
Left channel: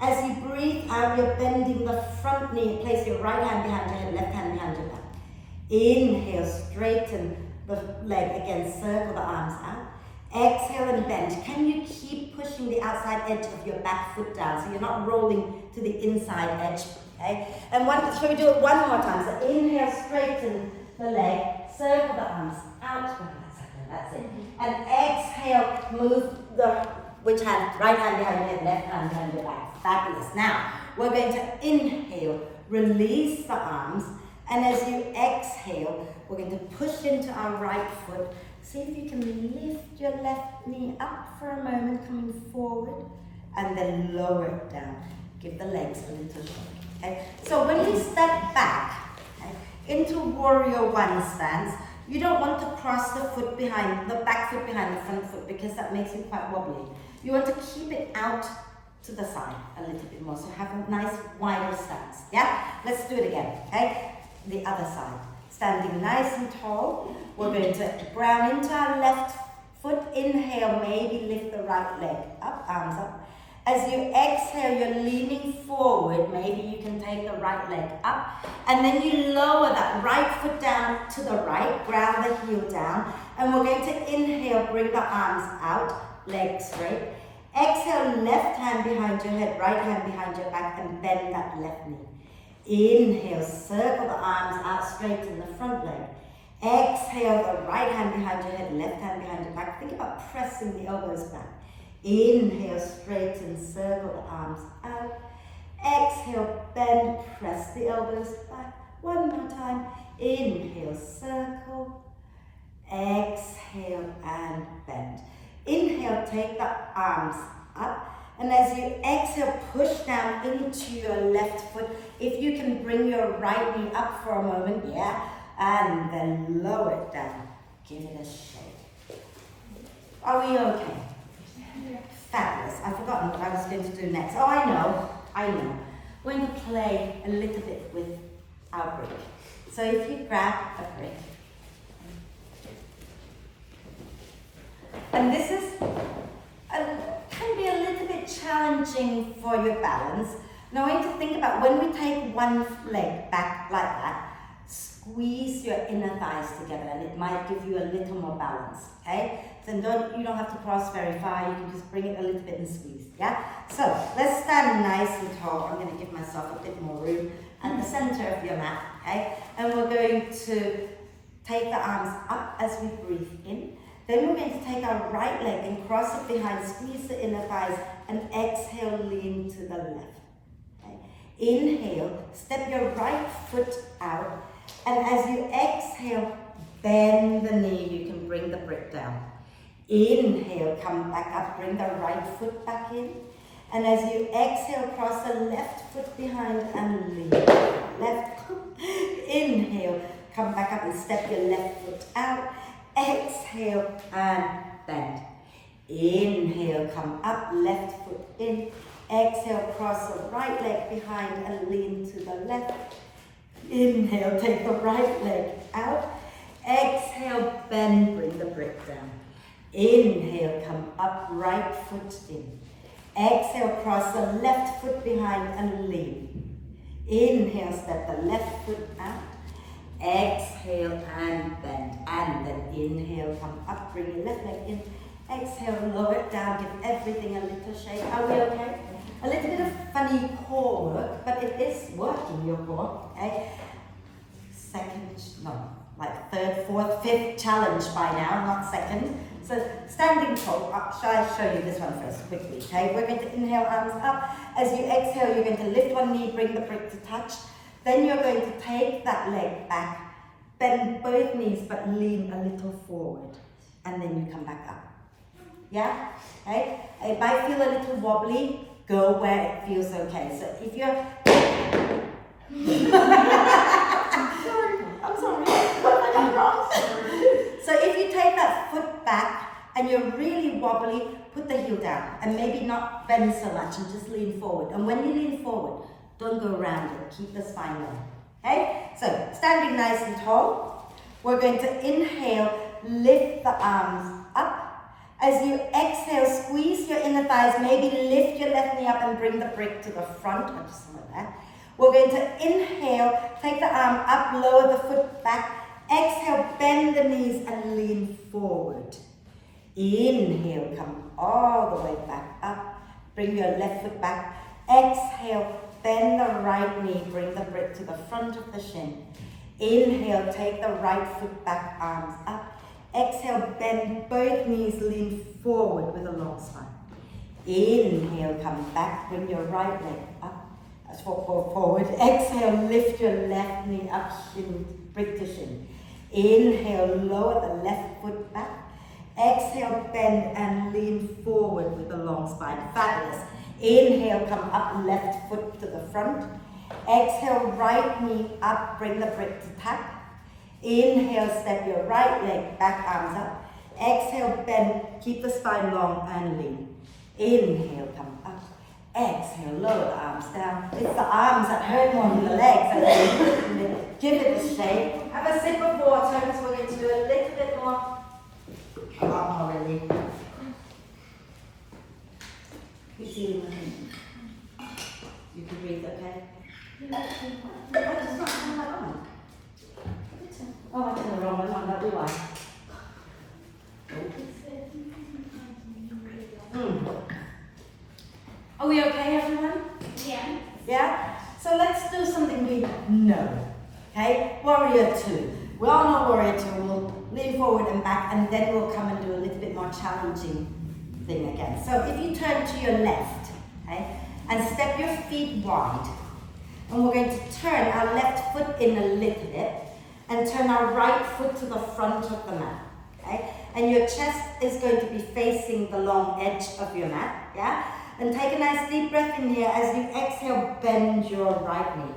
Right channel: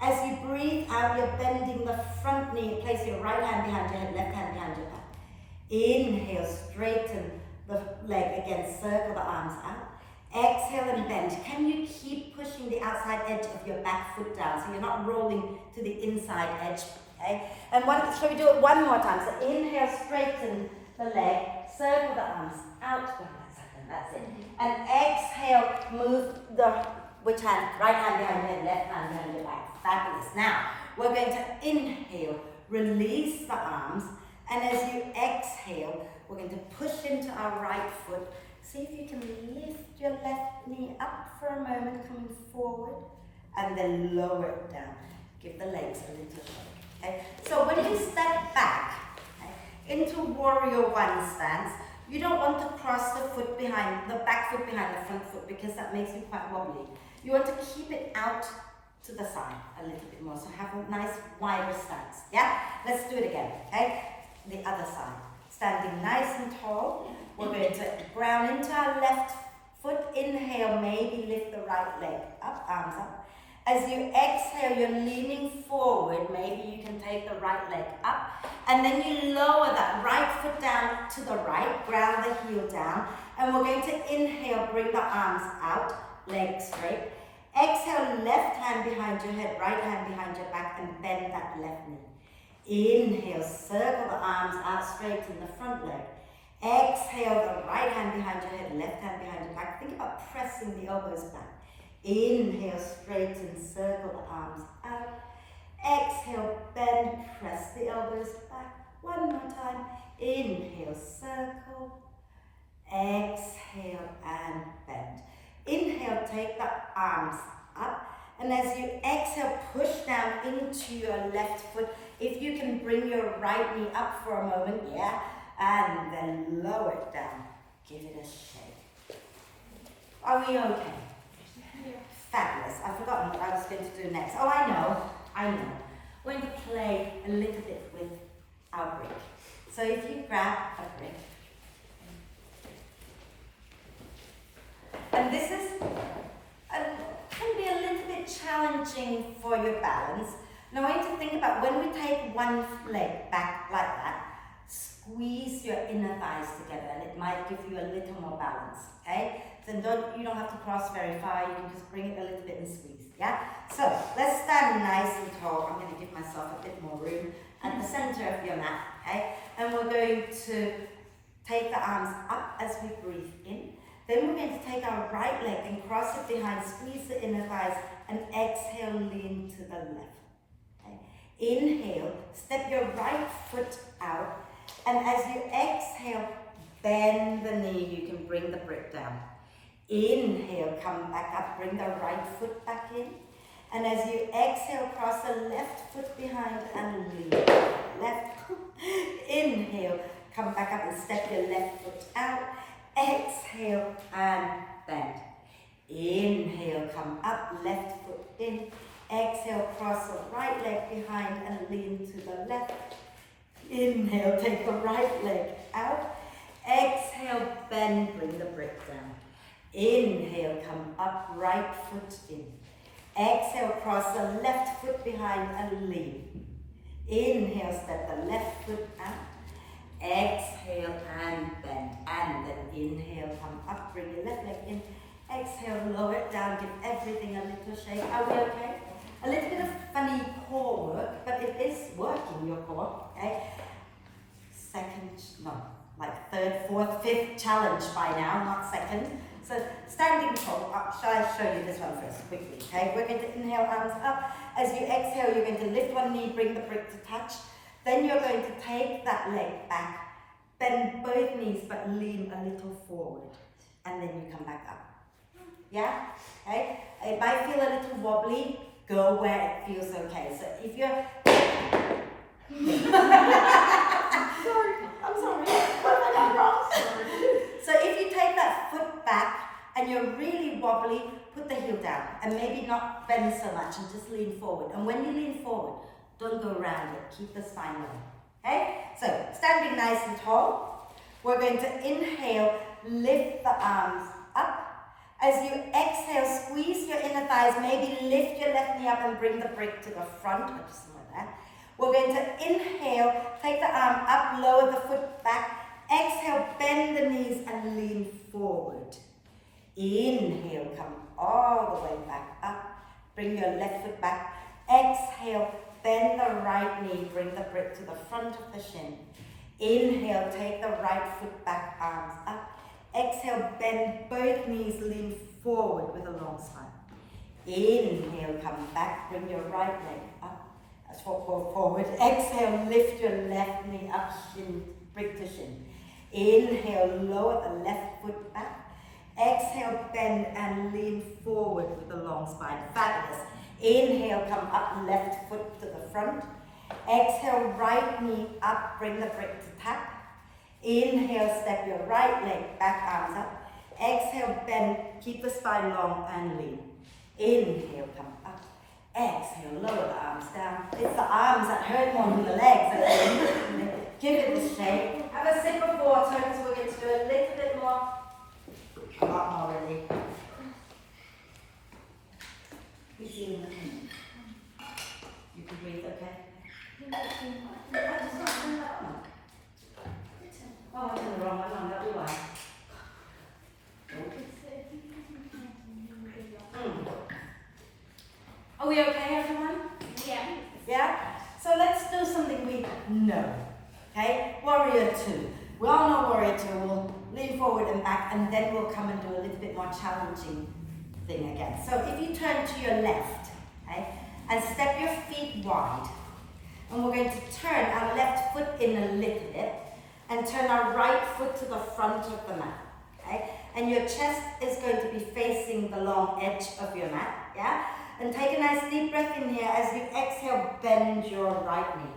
As you breathe out, you're bending the front knee, place your right hand behind your head, left hand behind your back. Inhale, straighten the leg again, circle the arms out. Exhale and bend. Can you keep pushing the outside edge of your back foot down so you're not rolling to the inside edge, okay? And so we do it one more time. So inhale, straighten the leg, circle the arms out. That's it. And exhale, move which hand? Right hand behind your head, left hand behind your back. Fabulous. Now, we're going to inhale, release the arms, and as you exhale, we're going to push into our right foot. See if you can lift your left knee up for a moment, coming forward, and then lower it down. Give the legs a little shake. Okay? So when we step back, okay, into warrior one stance, you don't want to cross the back foot behind the front foot, because that makes you quite wobbly. You want to keep it out to the side a little bit more, so have a nice wider stance. Yeah? Let's do it again. Okay? The other side. Standing nice and tall, we're going to ground into our left foot. Inhale, maybe lift the right leg up, arms up. As you exhale, you're leaning forward. Maybe you can take the right leg up. And then you lower that right foot down to the right, ground the heel down. And we're going to inhale, bring the arms out, legs straight. Exhale, left hand behind your head, right hand behind your back, and bend that left knee. Inhale, circle the arms out, straighten the front leg. Exhale, the right hand behind your head, left hand behind your back. Think about pressing the elbows back. Inhale, straighten, circle the arms out. Exhale, bend, press the elbows back. One more time. Inhale, circle. Exhale and bend. Inhale, take the arms up. And as you exhale, push down into your left foot. If you can bring your right knee up for a moment, yeah, and then lower it down. Give it a shake. Are we okay? Fabulous. I've forgotten what I was going to do next. Oh, I know. We're going to play a little bit with our brick. So if you grab a brick, and this can be a little bit challenging for your balance. Now I want you to think about when we take one leg back like that, squeeze your inner thighs together, and it might give you a little more balance, okay? So you don't have to cross very far, you can just bring it a little bit and squeeze, yeah? So let's stand nice and tall. I'm going to give myself a bit more room at the center of your mat, okay? And we're going to take the arms up as we breathe in. Then we're going to take our right leg and cross it behind, squeeze the inner thighs, and exhale, lean to the left. Okay? Inhale, step your right foot out, and as you exhale, bend the knee, you can bring the brick down. Inhale, come back up, bring the right foot back in, and as you exhale, cross the left foot behind and lean. Left, inhale, come back up and step your left foot out. Exhale and bend. Inhale, come up, left foot in. Exhale, cross the right leg behind and lean to the left. Inhale, take the right leg out. Exhale, bend, bring the brick down. Inhale, come up, right foot in. Exhale, cross the left foot behind and lean. Inhale, step the left foot out. Exhale and bend, and then inhale, come up, bring your left leg in. Exhale, lower it down, give everything a little shake. Are we okay? A little bit of funny core work, but it is working your core, okay? like third, fourth, fifth challenge by now, not second. So standing tall, shall I show you this one first quickly, okay? We're going to inhale, arms up. As you exhale, you're going to lift one knee, bring the brick to touch. Then you're going to take that leg back, bend both knees, but lean a little forward. And then you come back up. Yeah? Okay? It might feel a little wobbly, go where it feels okay. So if you're... I'm sorry. What have I done wrong? So if you take that foot back and you're really wobbly, put the heel down and maybe not bend so much and just lean forward. And when you lean forward, don't go around it. Keep the spine long. Okay? So standing nice and tall, we're going to inhale, lift the arms up. As you exhale, squeeze your inner thighs, maybe lift your left knee up and bring the brick to the front, or just like that. We're going to inhale, take the arm up, lower the foot back. Exhale, bend the knees and lean forward. Inhale, come all the way back up. Bring your left foot back. Exhale, bend the right knee, bring the brick to the front of the shin. Inhale, take the right foot back, arms up. Exhale, bend both knees, lean forward with a long spine. Inhale, come back, bring your right leg up. That's forward. Exhale, lift your left knee up, shin, brick to shin. Inhale, lower the left foot back. Exhale, bend and lean forward with a long spine. Fabulous. Inhale, come up, left foot to the front. Exhale, right knee up, bring the brick to tap. Inhale, step your right leg back, arms up. Exhale, bend, keep the spine long and lean. Inhale, come up. Exhale, lower the arms down. It's the arms that hurt more than the legs, I think. Give it a shake. Have a sip of water because we're going to do a little bit more. A lot more, really. You see, you can breathe, okay? I just not turn that on. Oh, I turned the wrong one on, that'll be why. Are we okay, everyone? Yeah. Yeah? So let's do something we know. Okay? Warrior 2. We all know Warrior 2. We'll lean forward and back, and then we'll come and do a little bit more challenging thing again. So if you turn to your left, okay, and step your feet wide, and we're going to turn our left foot in a little bit, and turn our right foot to the front of the mat. Okay? And your chest is going to be facing the long edge of your mat. Yeah? And take a nice deep breath in here. As you exhale, bend your right knee.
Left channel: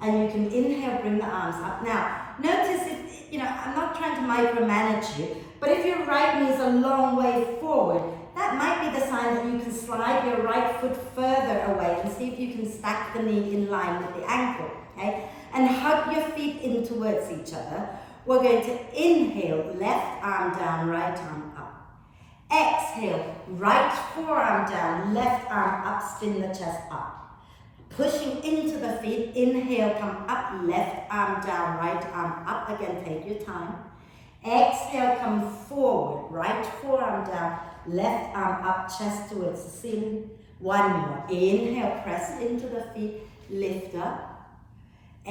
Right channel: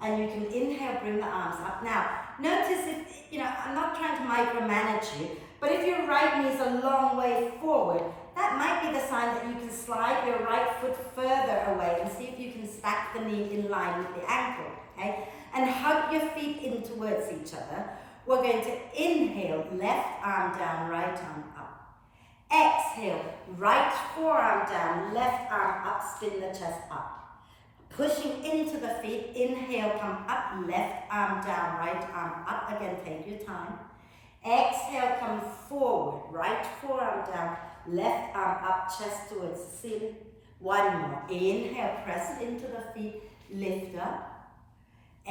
And you can inhale, bring the arms up. Now, notice if, I'm not trying to micromanage you, but if your right knee is a long way forward, that might be the sign that you can slide your right foot further away and see if you can stack the knee in line with the ankle. Okay? And hug your feet in towards each other. We're going to inhale, left arm down, right arm up. Exhale, right forearm down, left arm up, spin the chest up. Pushing into the feet, inhale, come up, left arm down, right arm up. Again, take your time. Exhale, come forward, right forearm down, left arm up, chest towards the ceiling. One more. Inhale, press into the feet, lift up.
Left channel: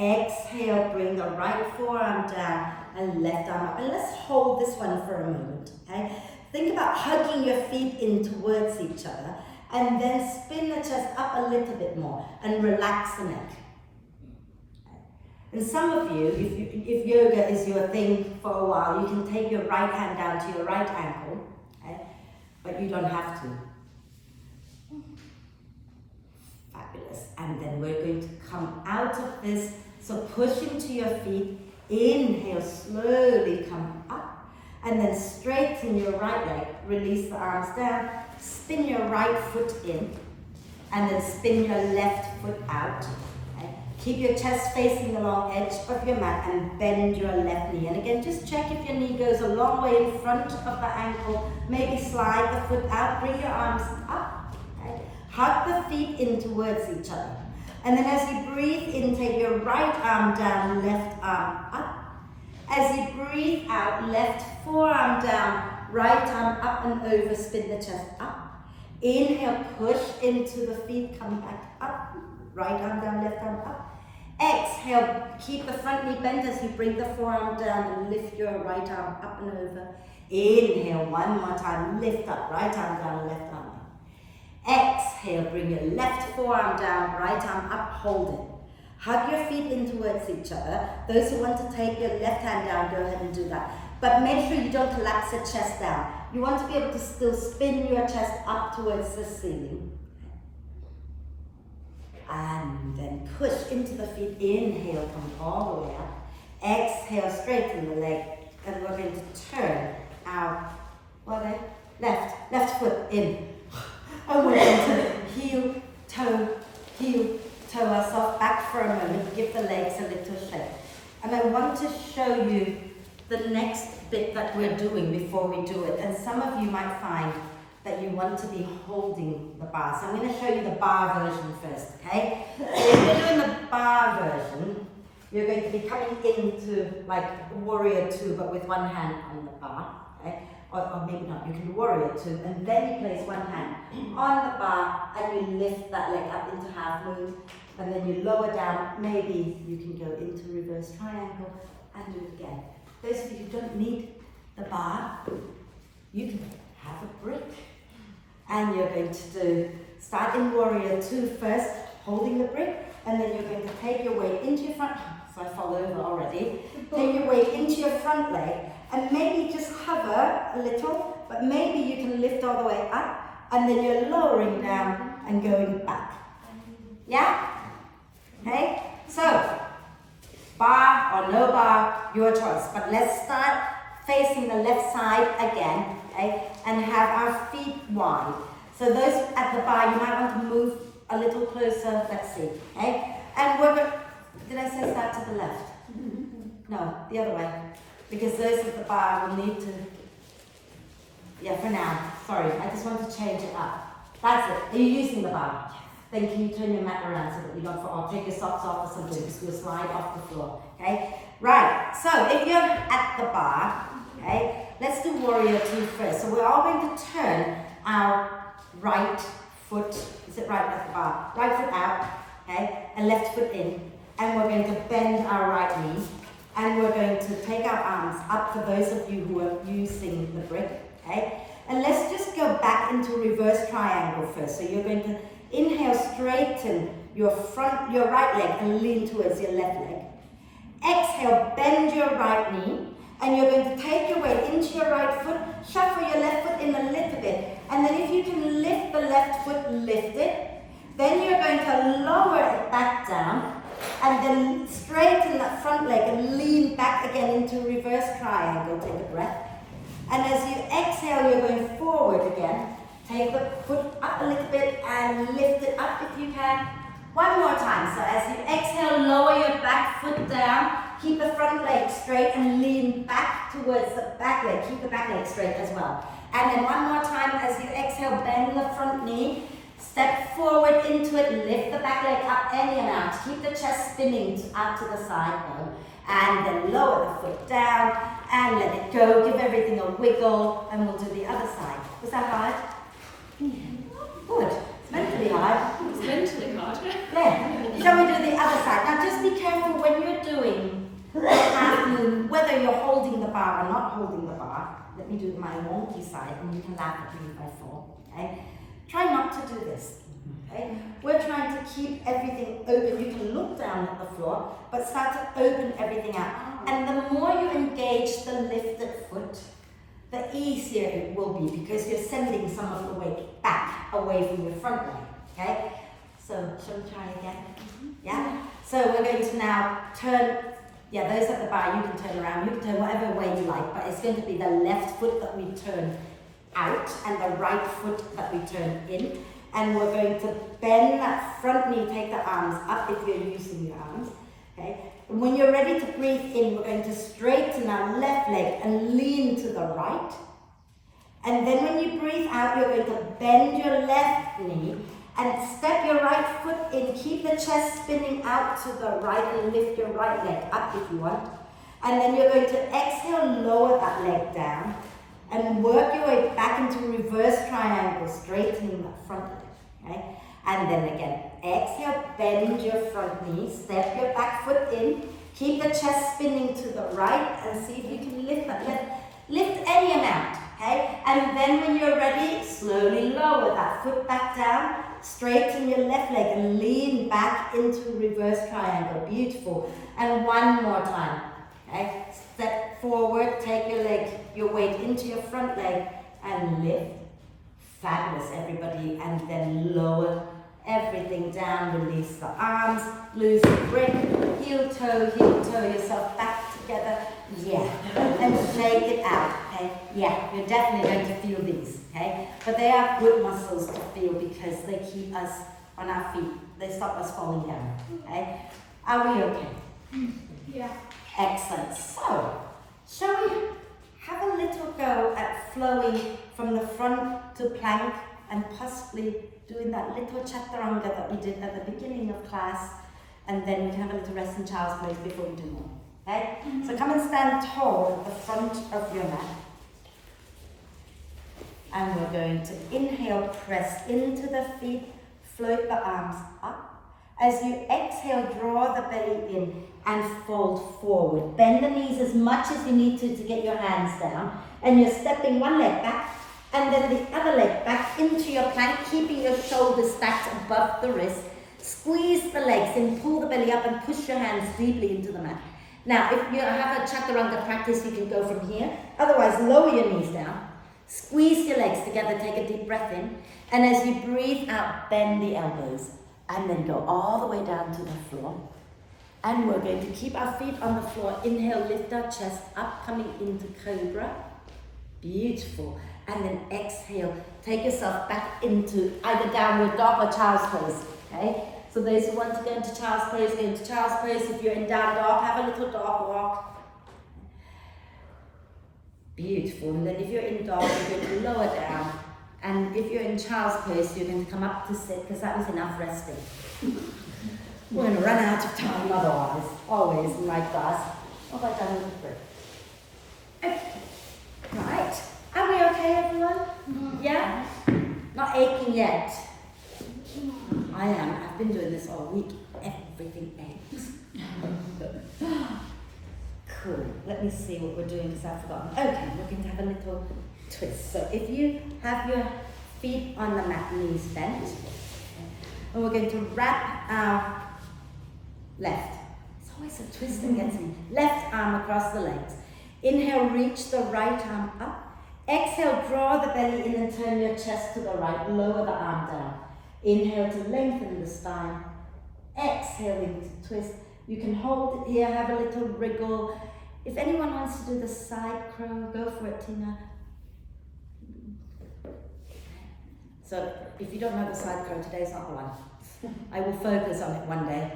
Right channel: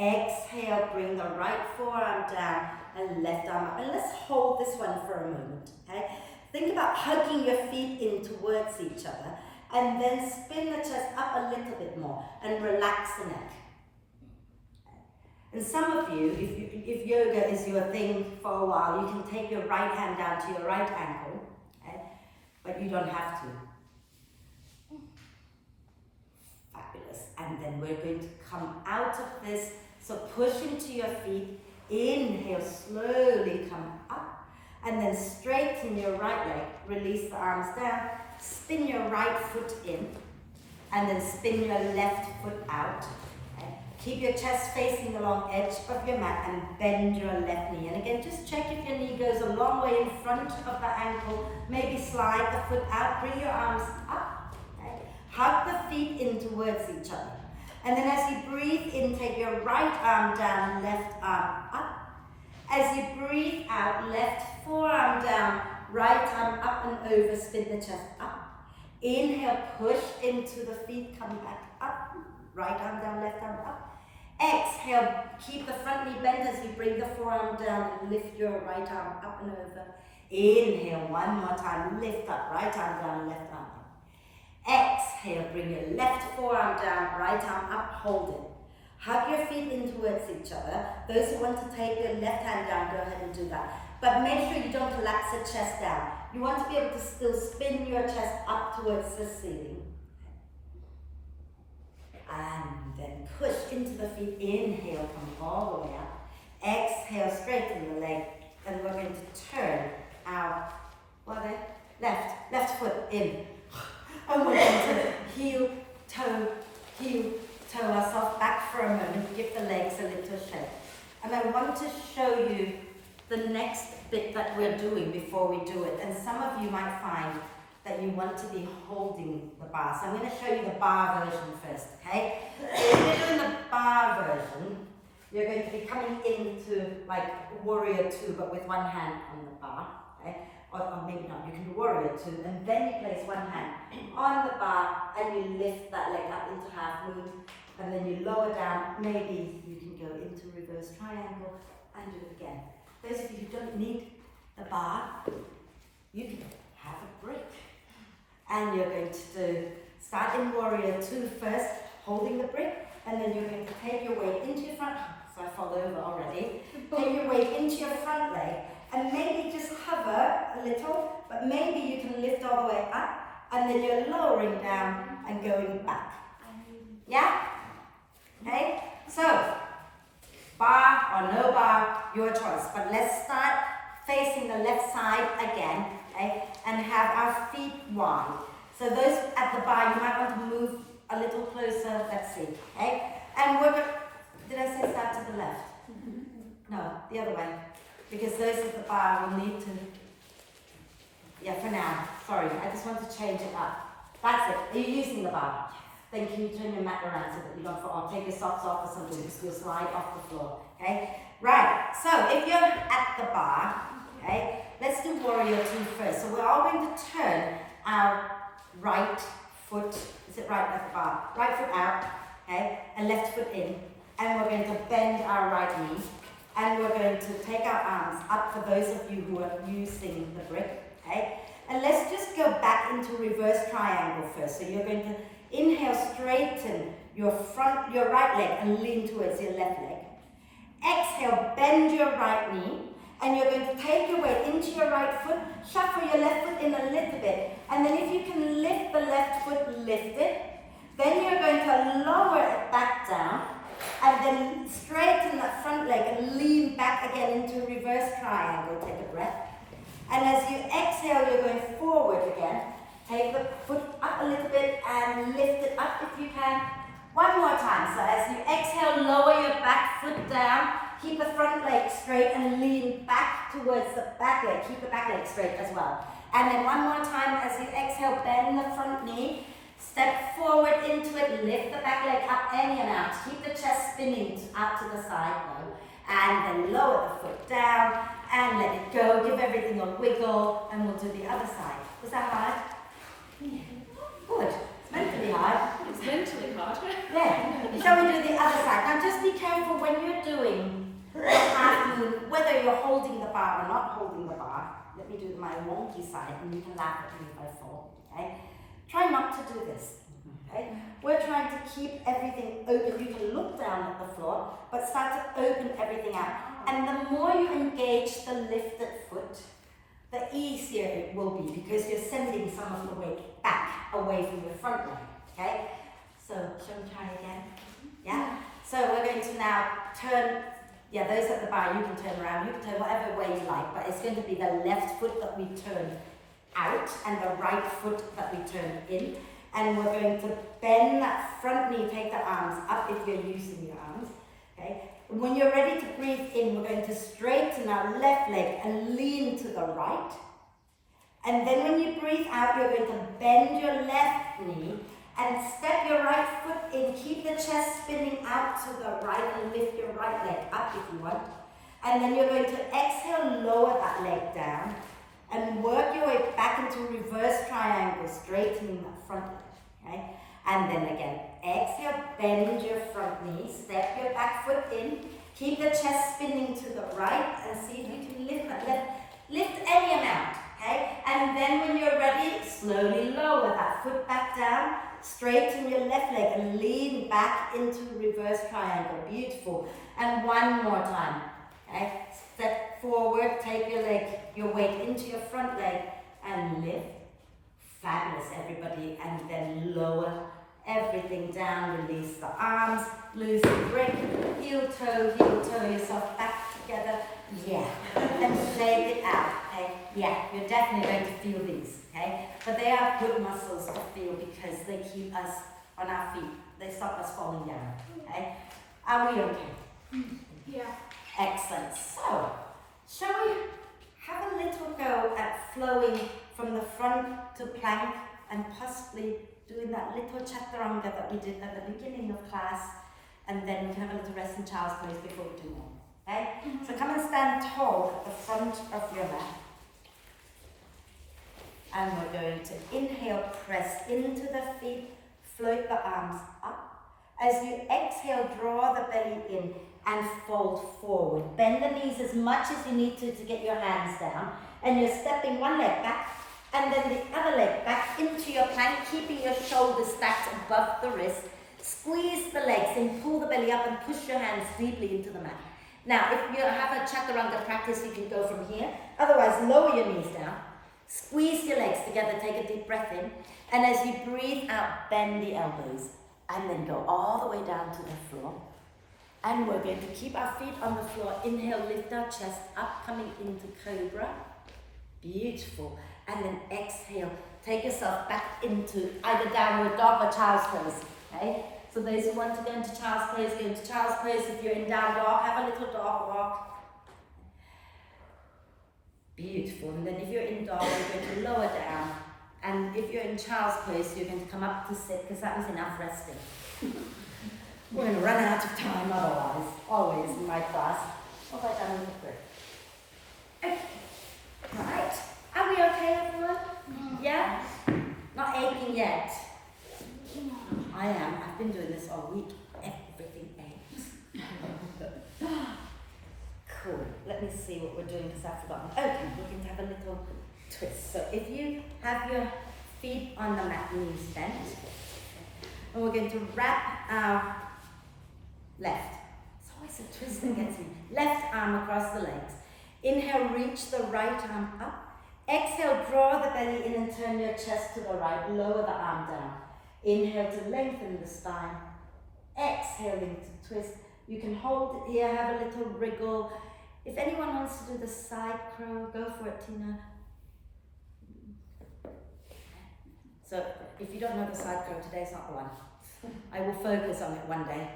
Exhale, bring the right forearm down and left arm up. And let's hold this one for a moment, okay? Think about hugging your feet in towards each other and then spin the chest up a little bit more and relax the neck. And some of you, if yoga is your thing for a while, you can take your right hand down to your right ankle, okay? But you don't have to. Fabulous. And then we're going to come out of this. So push into your feet, inhale, slowly come up, and then straighten your right leg, release the arms down, spin your right foot in, and then spin your left foot out. Okay? Keep your chest facing the long edge of your mat and bend your left knee. And again, just check if your knee goes a long way in front of the ankle, maybe slide the foot out, bring your arms up, okay? Hug the feet in towards each other. And then as you breathe in, take your right arm down, left arm up. As you breathe out, left forearm down, right arm up and over, spin the chest up. Inhale, push into the feet, come back up. Right arm down, left arm up. Exhale, keep the front knee bent as you bring the forearm down and lift your right arm up and over. Inhale, one more time, lift up, right arm down, left arm up. Exhale, bring your left forearm down, right arm up, hold it. Hug your feet in towards each other. Those who want to take your left hand down, go ahead and do that. But make sure you don't collapse the chest down. You want to be able to still spin your chest up towards the ceiling. And then push into the feet. Inhale, come all the way up. Exhale, straighten the leg. And we're going to turn our left foot in. And we're going to heel, toe ourselves back for a moment. Give the legs a little shake. And I want to show you the next bit that we're doing before we do it. And some of you might find that you want to be holding the bar. So I'm going to show you the bar version first, okay? So if you're doing the bar version, you're going to be coming into like warrior two, but with one hand on the bar, okay? Or maybe not, you can do warrior two, and then you place one hand on the bar and you lift that leg up into half moon, and then you lower down. Maybe you can go into reverse triangle and do it again. Those of you who don't need the bar, you can have a brick. And you're going to start in warrior two first, holding the brick, and then you're going to take your weight into your front, so I fall over already, take your weight into your front leg, and maybe just hover a little, but maybe you can lift all the way up, and then you're lowering down and going back. Yeah? Okay? So, bar or no bar, your choice. But let's start facing the left side again, okay? And have our feet wide. So those at the bar, you might want to move a little closer. Let's see, okay? And we're going, did I say start to the left? No, the other way. Because those at the bar will need to, yeah, for now, sorry, I just want to change it up. That's it. Are you using the bar? Then can you turn your mat around so that you don't fall, or take your socks off or something, because you'll slide off the floor, okay? Right, so if you're at the bar, okay, let's do warrior two first. So we're all going to turn our right foot, is it right at the bar? Right foot out, okay, and left foot in. And we're going to bend our right knee. And we're going to take our arms up for those of you who are using the brick, okay? And let's just go back into reverse triangle first. So you're going to inhale, straighten your right leg and lean towards your left leg. Exhale, bend your right knee. And you're going to take your weight into your right foot, shuffle your left foot in a little bit. And then if you can lift the left foot, lift it. Then you're going to lower it back down. And then straighten that front leg and lean back again into reverse triangle. Take a breath. And as you exhale, you're going forward again. Take the foot up a little bit and lift it up if you can. One more time. So as you exhale, lower your back foot down. Keep the front leg straight and lean back towards the back leg. Keep the back leg straight as well. And then one more time as you exhale, bend the front knee. Step forward into it, lift the back leg up any amount. Keep the chest spinning out to the side though. And then lower the foot down and let it go. Give everything a wiggle and we'll do the other side. Was that hard? Good. It's meant to be hard. It's mentally hard. Yeah. Shall we do the other side? Now just be careful when you're doing the half moon, whether you're holding the bar or not holding the bar. Let me do my wonky side and you can laugh at me if I fall. Okay? Try not to do this, okay? We're trying to keep everything open. You can look down at the floor, but start to open everything out. And the more you engage the lifted foot, the easier it will be because you're sending some of the weight back away from your front leg, okay? So, shall we try again? Yeah? So we're going to now turn, yeah, those at the bar, you can turn around. You can turn whatever way you like, but it's going to be the left foot that we turn out and the right foot that we turn in, and we're going to bend that front knee, take the arms up if you're using your arms, okay? And when you're ready to breathe in, we're going to straighten our left leg and lean to the right, and then when you breathe out, you're going to bend your left knee and step your right foot in, keep the chest spinning out to the right and lift your right leg up if you want, and then you're going to exhale, lower that leg down and work your way back into reverse triangle, straightening that front leg, okay? And then again, Exhale, bend your front knee, step your back foot in, keep the chest spinning to the right and see if you can lift that. Lift any amount, okay? And then when you're ready, slowly lower that foot back down, straighten your left leg and lean back into reverse triangle. Beautiful. And one more time, okay? Step forward, take your weight into your front leg and lift. Fabulous, everybody. And then lower everything down, release the arms, lose the grip, heel toe yourself back together. Yeah, and shake it out, okay? Yeah, you're definitely going to feel these, okay? But they are good muscles to feel because they keep us on our feet. They stop us falling down, okay? Are we okay? Yeah. Excellent. So, shall we have a little go at flowing from the front to plank and possibly doing that little chaturanga that we did at the beginning of class, and then we can have a little rest in child's pose before we do more. Okay? So come and stand tall at the front of your mat. And we're going to inhale, press into the feet, float the arms up. As you exhale, draw the belly in and fold forward. Bend the knees as much as you need to get your hands down. And you're stepping one leg back and then the other leg back into your plank, keeping your shoulders stacked above the wrist. Squeeze the legs in, pull the belly up and push your hands deeply into the mat. Now, if you have a chaturanga practice, you can go from here. Otherwise, lower your knees down. Squeeze your legs together, take a deep breath in. And as you breathe out, bend the elbows. And then go all the way down to the floor. And we're going to keep our feet on the floor. Inhale, lift our chest up, coming into cobra. Beautiful. And then exhale, take yourself back into either downward dog or child's pose. Okay? So those who want to go into child's pose, go into child's pose. If you're in down dog, have a little dog walk. Beautiful. And then if you're in dog, you're going to lower down. And if you're in child's pose, you're going to come up to sit because that was enough resting. We're going to run out of time otherwise. Always in my class. What have I done with the breath? Okay. Right. Are we okay, everyone? Yeah? Not aching yet. I am. I've been doing this all week. Everything aches. Cool. Let me see what we're doing because I've forgotten. Okay, we're going to have a little twist. So if you have your feet on the mat, knees bent, and we're going to wrap our left. It's always a twist that gets me. Left arm across the legs. Inhale, reach the right arm up. Exhale, draw the belly in and turn your chest to the right. Lower the arm down. Inhale to lengthen the spine. Exhaling to twist. You can hold it here, have a little wriggle. If anyone wants to do the side crow, go for it, Tina. So if you don't know the side crow, today's not the one. I will focus on it one day.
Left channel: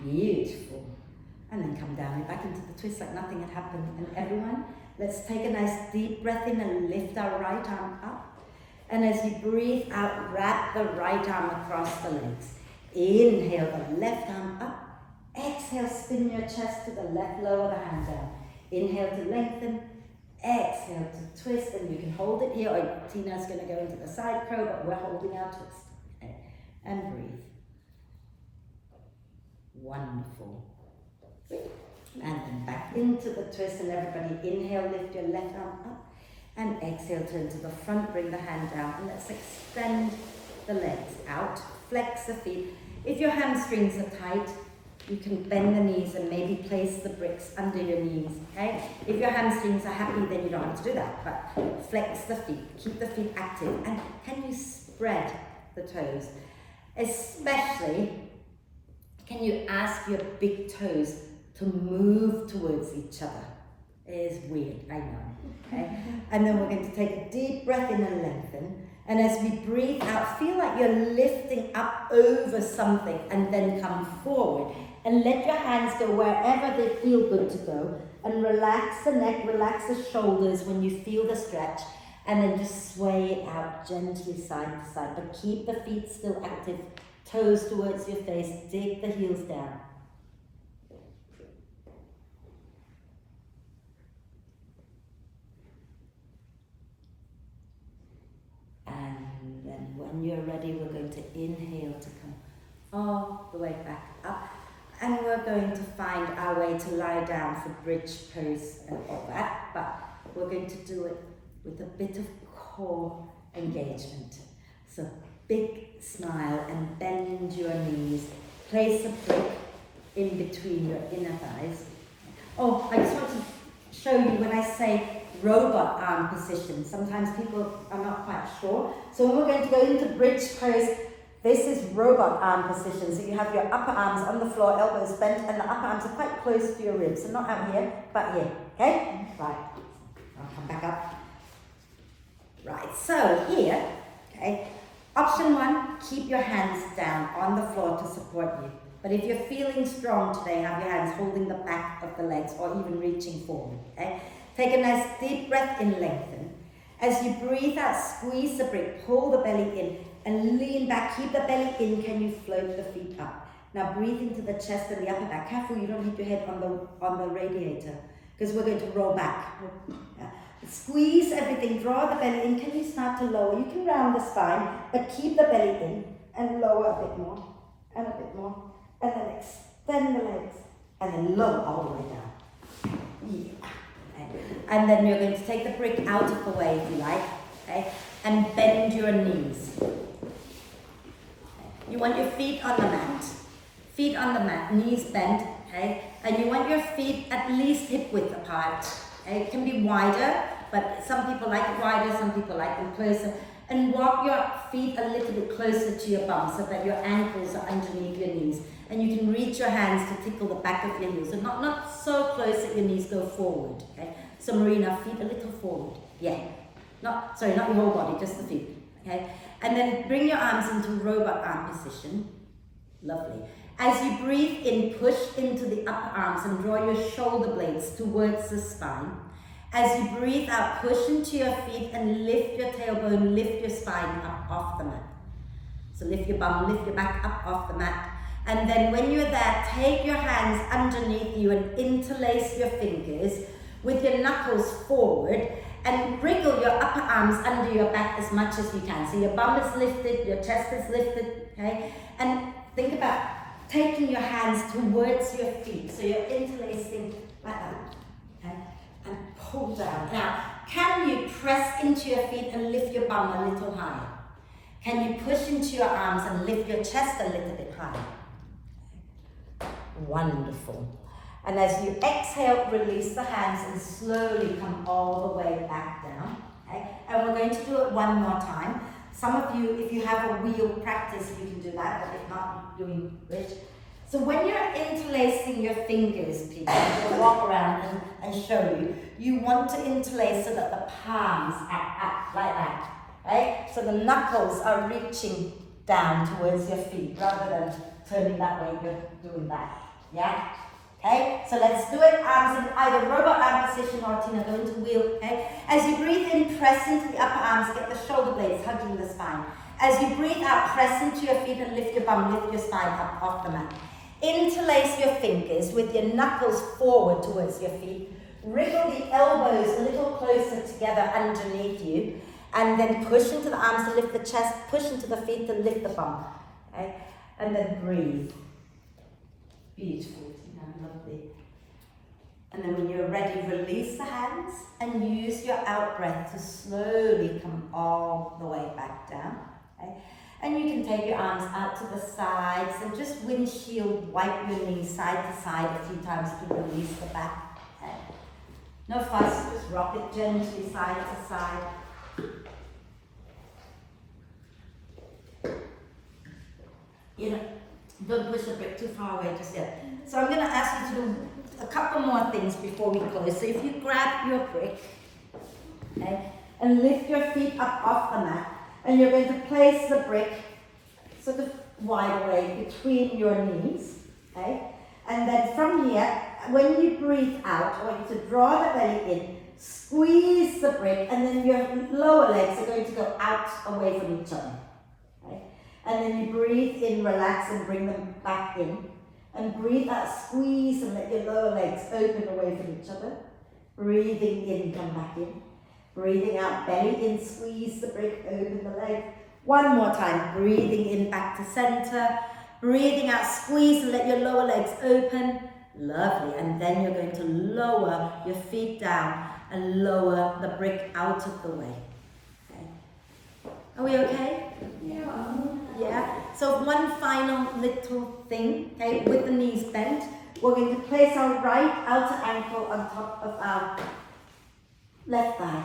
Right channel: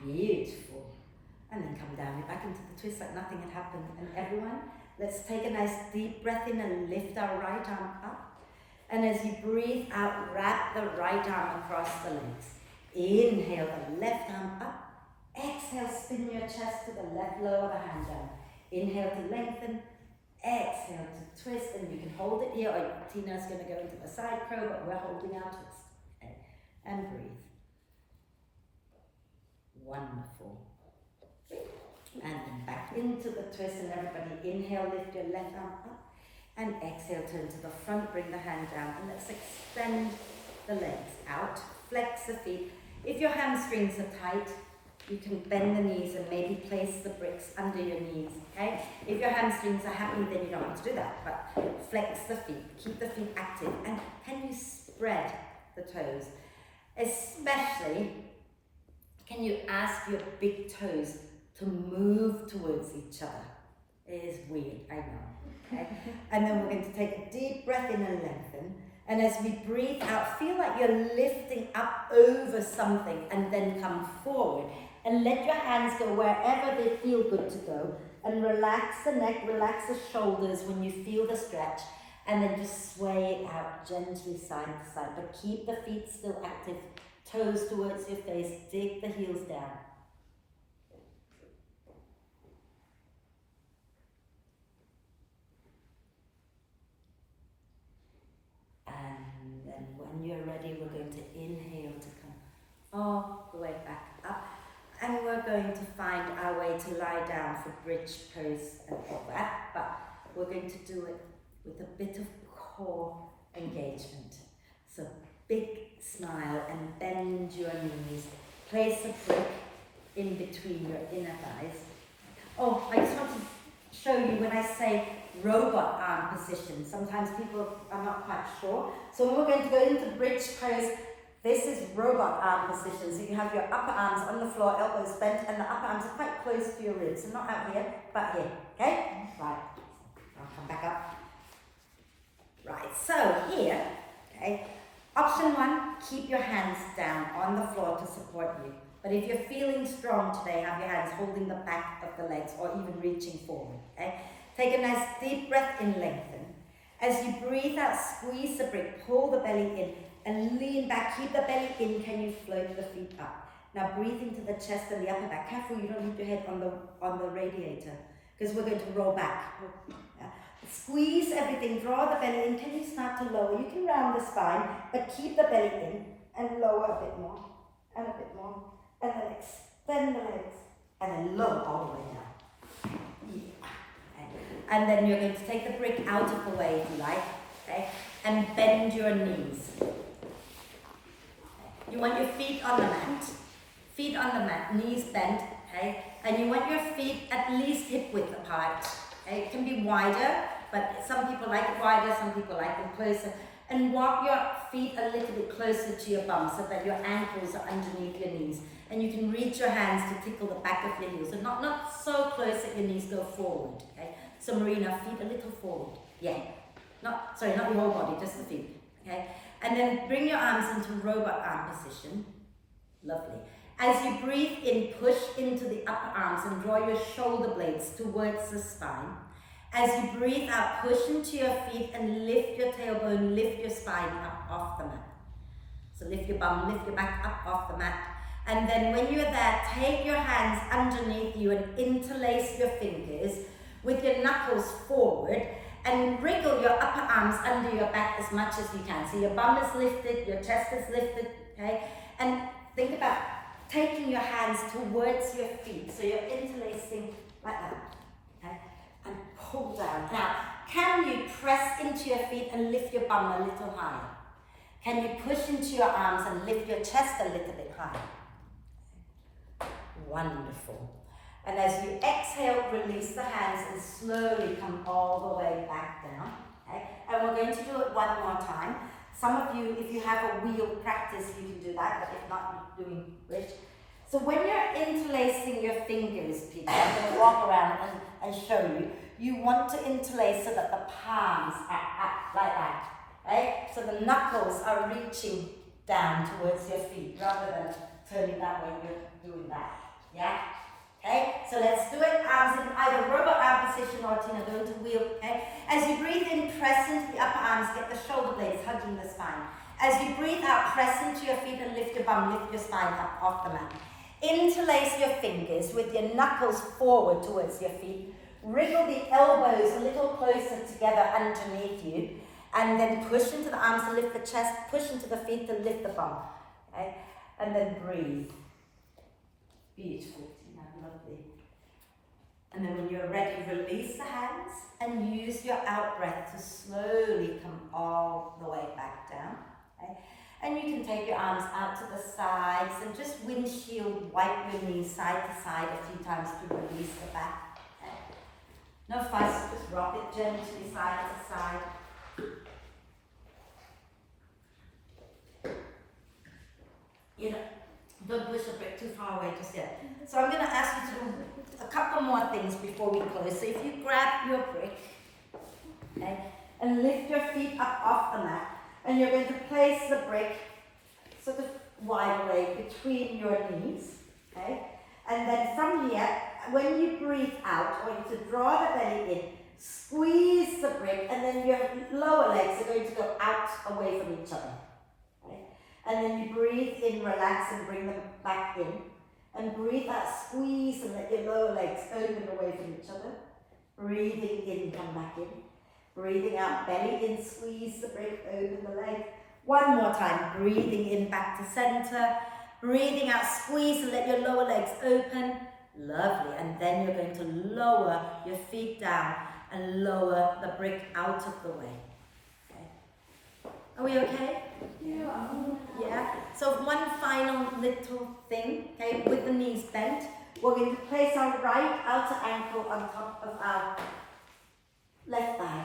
Beautiful. And then come down back into the twist like nothing had happened. And everyone, let's take a nice deep breath in and lift our right arm up. And as you breathe out, wrap the right arm across the legs. Inhale the left arm up. Exhale, spin your chest to the left, lower the hand down. Inhale to lengthen. Exhale to twist, and you can hold it here, or Tina's going to go into the side crow, but we're holding our twist. Okay. And breathe. Wonderful. And then back into the twist, and everybody inhale, lift your left arm up. And exhale, turn to the front, bring the hand down, and let's extend the legs out, flex the feet. If your hamstrings are tight, you can bend the knees and maybe place the bricks under your knees, okay? If your hamstrings are happy, then you don't have to do that, but flex the feet, keep the feet active, and can you spread the toes? Especially, can you ask your big toes to move towards each other? It is weird, I know, okay? And then we're going to take a deep breath in and lengthen. And as we breathe out, feel like you're lifting up over something and then come forward. And let your hands go wherever they feel good to go. And relax the neck, relax the shoulders when you feel the stretch. And then just sway it out gently side to side. But keep the feet still active, toes towards your face, dig the heels down. And then when you're ready, we're going to inhale to come all the way back up. And we're going to find our way to lie down for bridge pose and all that. But we're going to do it with a bit of core engagement. So big smile and bend your knees. Place a brick in between your inner thighs. Oh, I just want to show you when I say robot arm position. Sometimes people are not quite sure. So when we're going to go into bridge pose, this is robot arm position. So you have your upper arms on the floor, elbows bent, and the upper arms are quite close to your ribs. So not out here, but here. Okay? Right. I'll come back up. Right. So here, okay. Option 1, keep your hands down on the floor to support you. But if you're feeling strong today, have your hands holding the back of the legs or even reaching forward. Okay? Take a nice deep breath in, lengthen. As you breathe out, squeeze the brick, pull the belly in and lean back. Keep the belly in. Can you float the feet up? Now breathe into the chest and the upper back. Careful you don't hit your head on the radiator because we're going to roll back. Yeah. Squeeze everything, draw the belly in. Can you start to lower? You can round the spine, but keep the belly in and lower a bit more and a bit more. And then extend the legs and then lower all the way down. Yeah. Okay. And then you're going to take the brick out of the way if you like, okay? And bend your knees. Okay. You want your feet on the mat, knees bent, okay? And you want your feet at least hip width apart. Okay? It can be wider, but some people like it wider, some people like them closer. And walk your feet a little bit closer to your bum so that your ankles are underneath your knees. And you can reach your hands to tickle the back of your heels. So not so close that your knees go forward, okay? So Marina, feet a little forward. Yeah. Not your whole body, just the feet, okay? And then bring your arms into robot arm position. Lovely. As you breathe in, push into the upper arms and draw your shoulder blades towards the spine. As you breathe out, push into your feet and lift your tailbone, lift your spine up off the mat. So lift your bum, lift your back up off the mat. And then when you're there, take your hands underneath you and interlace your fingers with your knuckles forward and wriggle your upper arms under your back as much as you can. So your bum is lifted, your chest is lifted, okay? And think about taking your hands towards your feet. So you're interlacing like that, okay? And pull down. Now, can you press into your feet and lift your bum a little higher? Can you push into your arms and lift your chest a little bit higher? Wonderful. And as you exhale, release the hands and slowly come all the way back down. Okay? And we're going to do it one more time. Some of you, if you have a wheel practice, you can do that, but if not, you English. So when you're interlacing your fingers, Peter, I'm going to walk around and show you. You want to interlace so that the palms are up like that. Right? So the knuckles are reaching down towards your feet rather than turning that way, you're doing that. Yeah? Okay? So let's do it. Arms in either robot arm position or Tina going to wheel. Okay? As you breathe in, press into the upper arms, get the shoulder blades hugging the spine. As you breathe out, press into your feet and lift your bum, lift your spine up off the mat. Interlace your fingers with your knuckles forward towards your feet. Wriggle the elbows a little closer together underneath you. And then push into the arms to lift the chest, push into the feet to lift the bum. Okay? And then breathe. Beautiful, Tina, lovely. And then when you're ready, release the hands and use your out breath to slowly come all the way back down. Okay? And you can take your arms out to the sides and just windshield wipe your knees side to side a few times to release the back. Okay? No fuss, just rock it gently side to side. You know, don't push the brick too far away just yet. So I'm going to ask you to do a couple more things before we close. So if you grab your brick, okay, and lift your feet up off the mat, and you're going to place the brick sort of wide away between your knees, okay? And then from here, when you breathe out, I want you to draw the belly in, squeeze the brick, and then your lower legs are going to go out away from each other. And then you breathe in, relax, and bring them back in. And breathe out, squeeze, and let your lower legs open away from each other. Breathing in, come back in. Breathing out, belly in, squeeze the brick, open the leg. One more time, breathing in back to center, breathing out, squeeze and let your lower legs open. Lovely, and then you're going to lower your feet down and lower the brick out of the way. Okay. Are we okay? Yeah. So one final little thing, okay, with the knees bent, we're going to place our right outer ankle on top of our left thigh.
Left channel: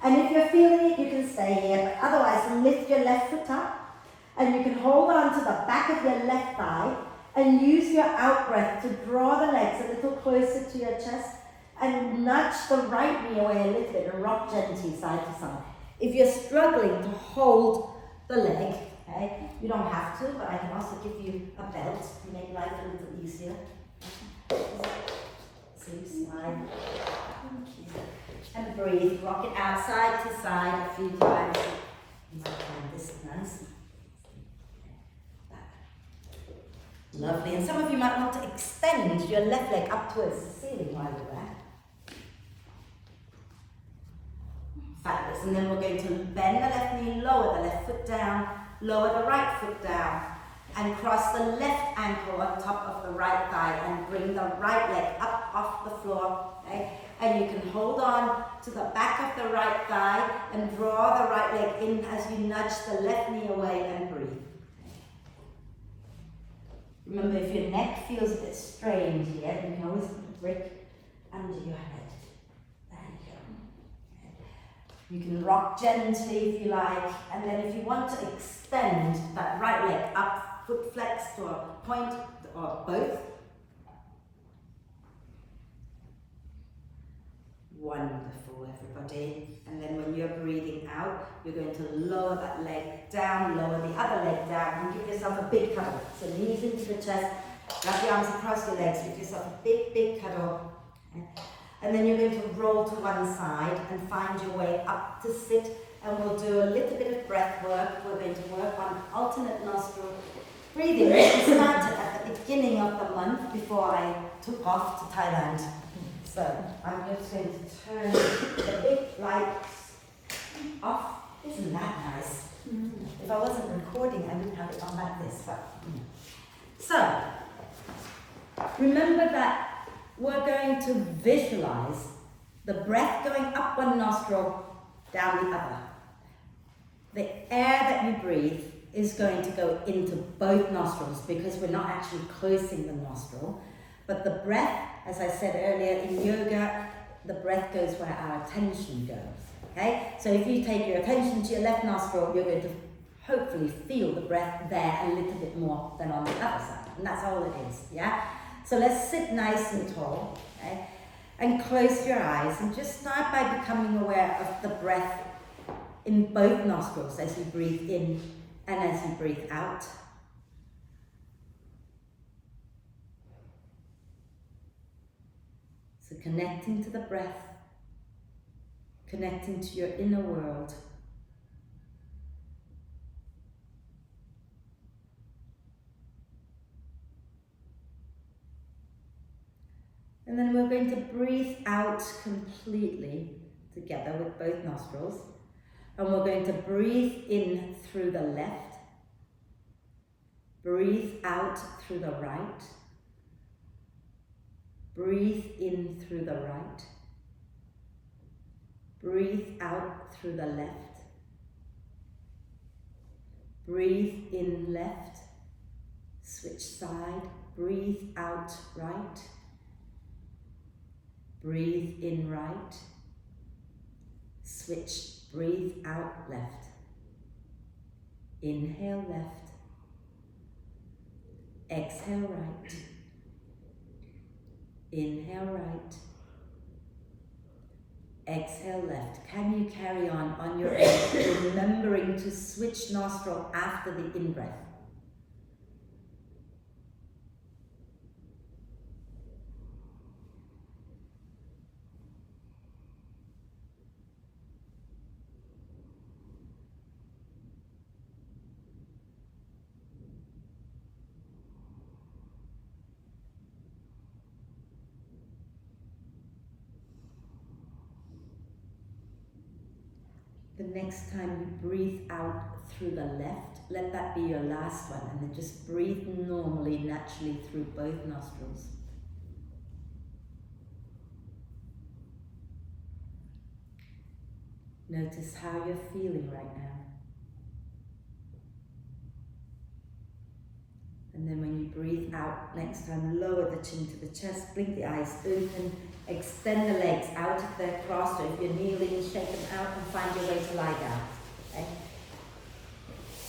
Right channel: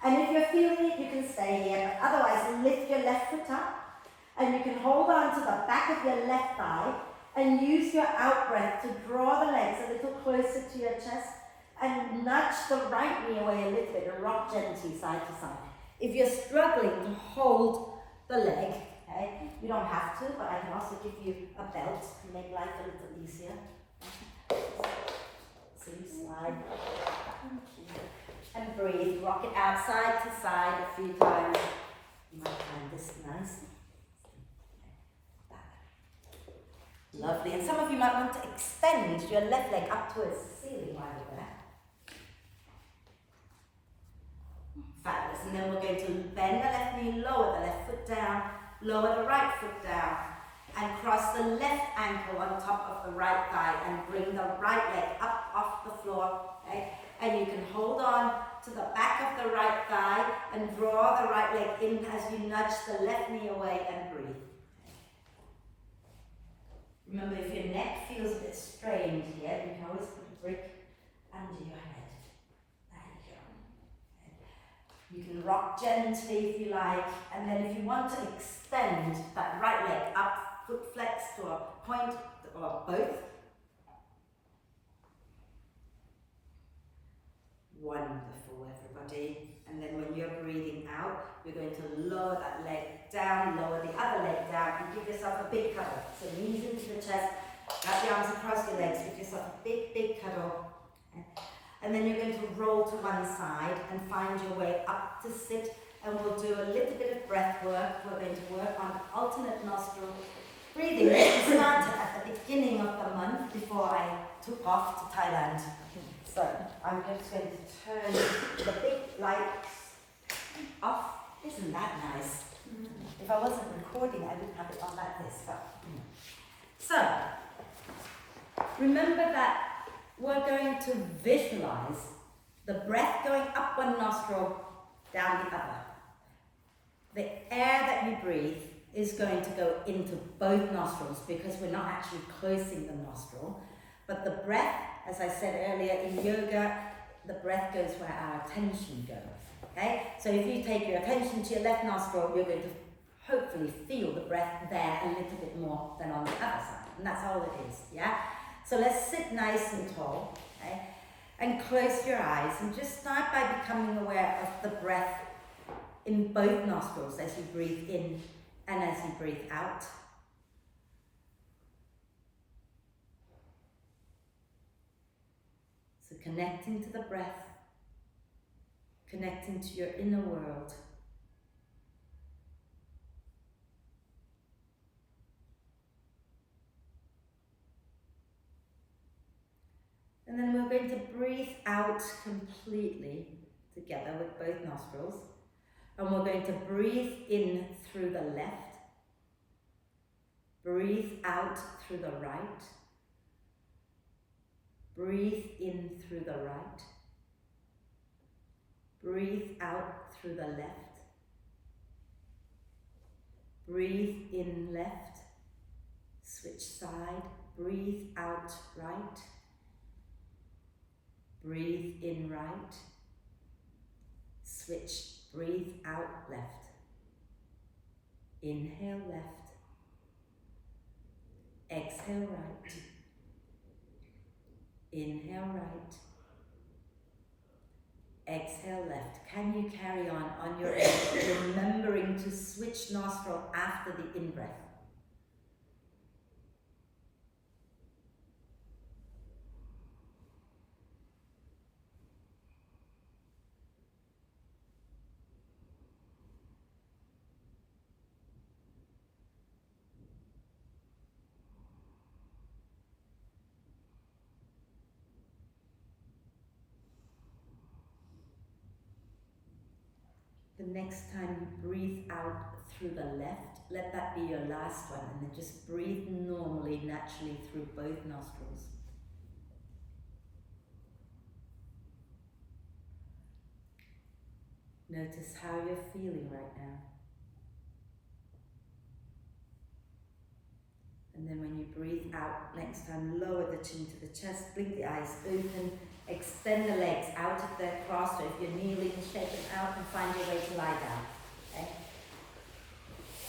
And if you're feeling it, you can stay here, but otherwise lift your left foot up and you can hold on to the back of your left thigh and use your out breath to draw the legs a little closer to your chest and nudge the right knee away a little bit and rock gently side to side. If you're struggling to hold the leg, okay, you don't have to, but I can also give you a belt to make life a little easier. So you slide. And breathe, rock it out side to side a few times. You might find this nice. Lovely. And some of you might want to extend your left leg up towards the ceiling while you're there. Fabulous. And then we're going to bend the left knee, lower the left foot down, lower the right foot down, and cross the left ankle on top of the right thigh and bring the right leg up off the floor. Okay? And you can hold on to the back of the right thigh and draw the right leg in as you nudge the left knee away and breathe. Remember, if your neck feels a bit strained here, you can always put a brick under your head. There you go. You can rock gently if you like, and then if you want to extend that right leg up, foot flex to a point or both. Wonderful, everybody. And then when you're breathing out, you're going to lower that leg down, lower the other leg down, and give yourself a big cuddle. So knees into the chest, wrap your arms across your legs, give yourself a big, big cuddle. And then you're going to roll to one side and find your way up to sit, and we'll do a little bit of breath work. We're going to work on alternate nostril breathing. We started at the beginning of the month before I took off to Thailand. So I'm just going to turn the big lights off. Isn't that nice? If I wasn't recording, I wouldn't have it on like this. But So, remember that we're going to visualize the breath going up one nostril, down the other. The air that you breathe is going to go into both nostrils because we're not actually closing the nostril, but the breath, as I said earlier, in yoga, the breath goes where our attention goes, okay? So if you take your attention to your left nostril, you're going to hopefully feel the breath there a little bit more than on the other side, and that's all it is, yeah? So let's sit nice and tall, okay? And close your eyes, and just start by becoming aware of the breath in both nostrils as you breathe in and as you breathe out. So connecting to the breath, connecting to your inner world. And then we're going to breathe out completely together with both nostrils. And we're going to breathe in through the left, breathe out through the right, breathe in through the right, breathe out through the left, breathe in left, switch side, breathe out right, breathe in right, switch, breathe out left, inhale left, exhale right, inhale right, exhale left. Can you carry on your own, remembering to switch nostril after the in-breath? The next time you breathe out through the left, let that be your last one, and then just breathe normally, naturally through both nostrils. Notice how you're feeling right now. And then when you breathe out, next time lower the chin to the chest, blink the eyes open, extend the legs out if they're crossed, or if you're kneeling, shake them out and find your way to lie down. Okay?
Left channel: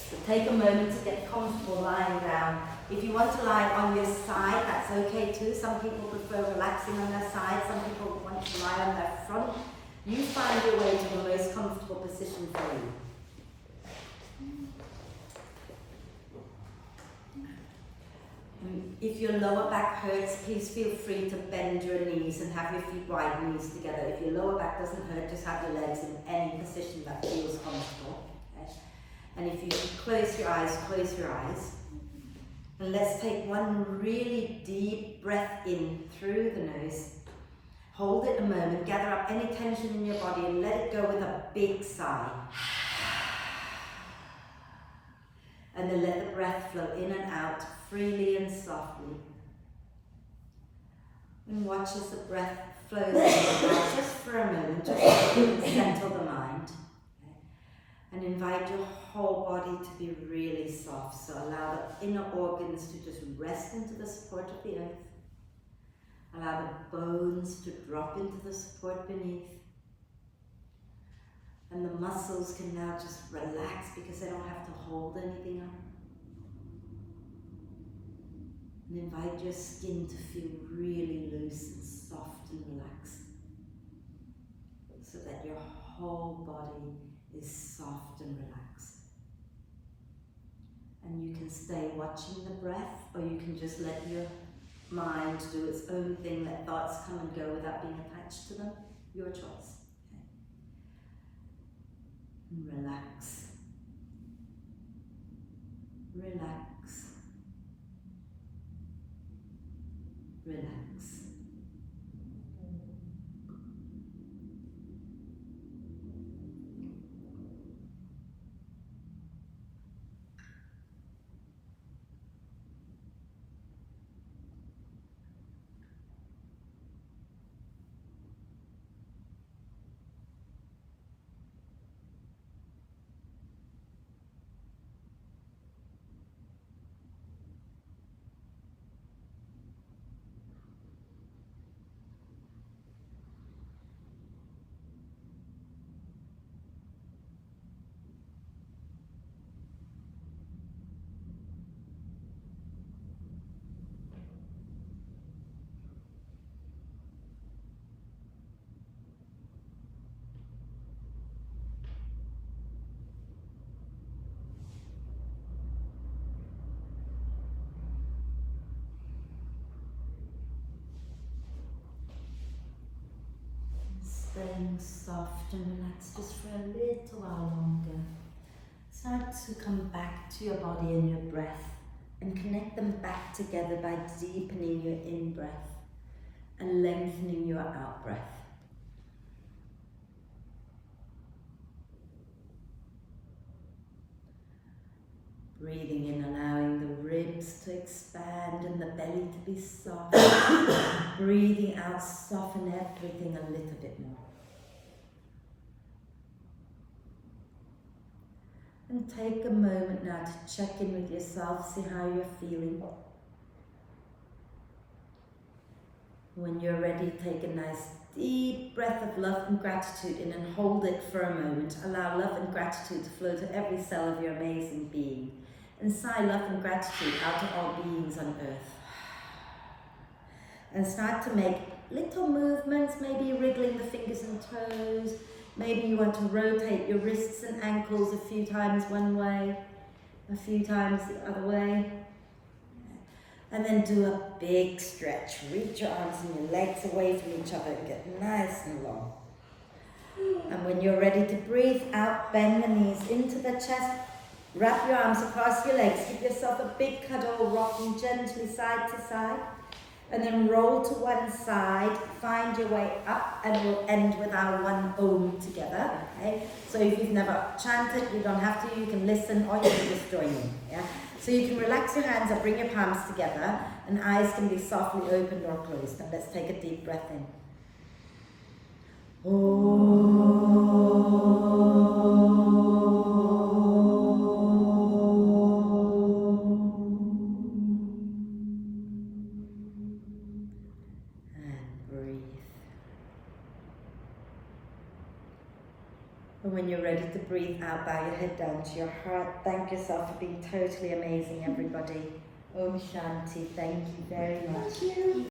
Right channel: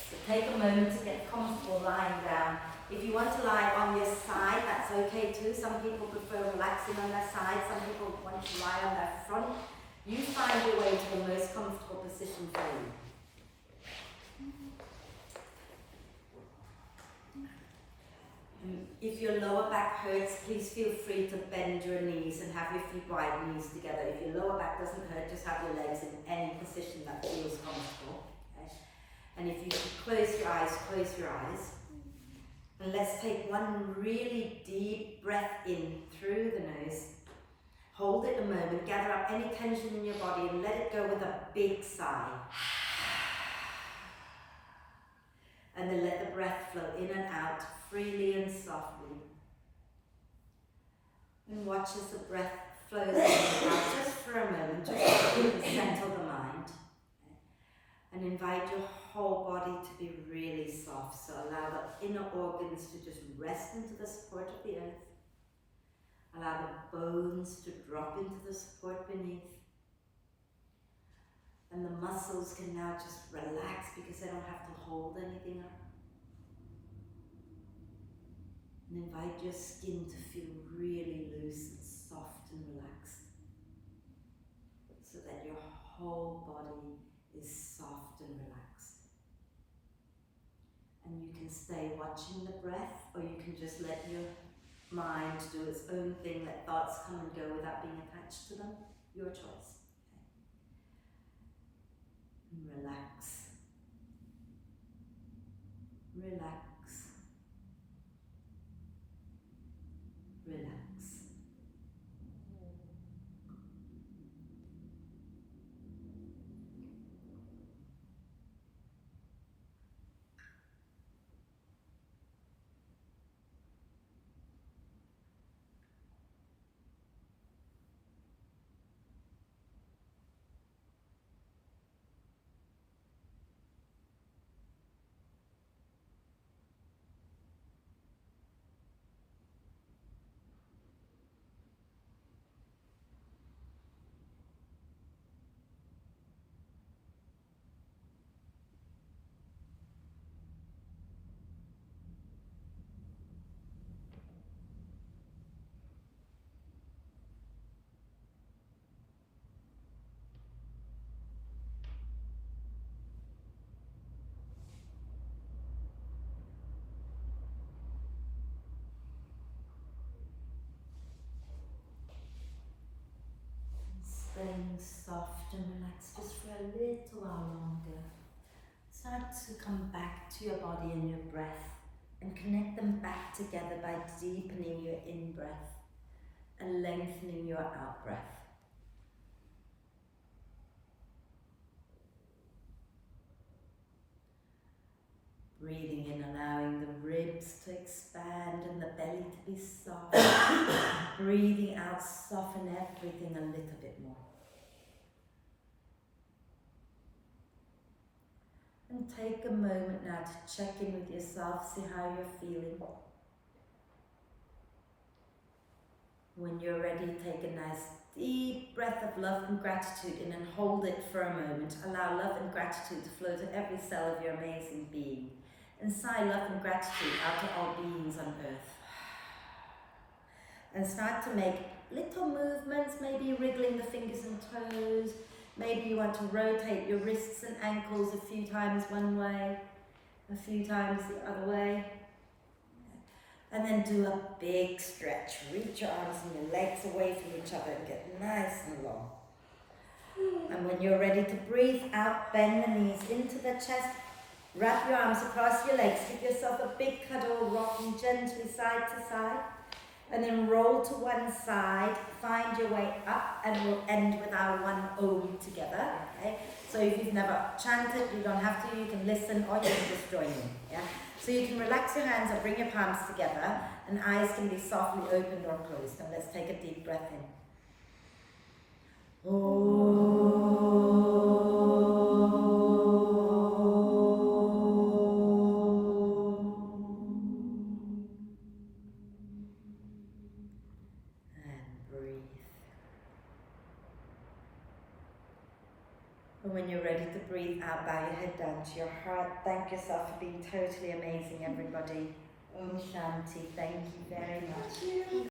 So take a moment to get comfortable lying down. If you want to lie on your side, that's okay too. Some people prefer relaxing on their side, some people want to lie on their front. You find your way to the most comfortable position for you. If your lower back hurts, please feel free to bend your knees and have your feet wide, knees together. If your lower back doesn't hurt, just have your legs in any position that feels comfortable. Okay? And if you could close your eyes, close your eyes. And let's take one really deep breath in through the nose. Hold it a moment, gather up any tension in your body and let it go with a big sigh. And then let the breath flow in and out freely and softly. And watch as the breath flows in and out just for a moment, just so you can settle the mind. Okay? And invite your whole body to be really soft. So allow the inner organs to just rest into the support of the earth. Allow the bones to drop into the support beneath. And the muscles can now just relax because they don't have to hold anything up. And invite your skin to feel really loose and soft and relaxed. So that your whole body is soft and relaxed. And you can stay watching the breath, or you can just let your mind do its own thing, let thoughts come and go without being attached to them. Your choice. Okay. And relax. Relax. Relax. Staying soft and relaxed just for a little while longer. Start to come back to your body and your breath and connect them back together by deepening your in-breath and lengthening your out-breath. Breathing in, allowing the ribs to expand and the belly to be soft. Breathing out, soften everything a little bit more. And take a moment now to check in with yourself, see how you're feeling. When you're ready, take a nice deep breath of love and gratitude in and hold it for a moment. Allow love and gratitude to flow to every cell of your amazing being. And sigh love and gratitude out to all beings on earth. And start to make little movements, maybe wriggling the fingers and toes. Maybe you want to rotate your wrists and ankles a few times one way, a few times the other way. And then do a big stretch. Reach your arms and your legs away from each other and get nice and long. And when you're ready to breathe out, bend the knees into the chest. Wrap your arms across your legs. Give yourself a big cuddle, rocking gently side to side. And then roll to one side, find your way up, and we'll end with our one Om together, okay? So if you've never chanted, you don't have to, you can listen or you can just join in, yeah? So you can relax your hands or bring your palms together, and eyes can be softly opened or closed. Now let's take a deep breath in. And breathe. And when you're ready to breathe out, bow your head down to your heart. Thank yourself for being totally amazing, everybody. Om Shanti. Thank you very much.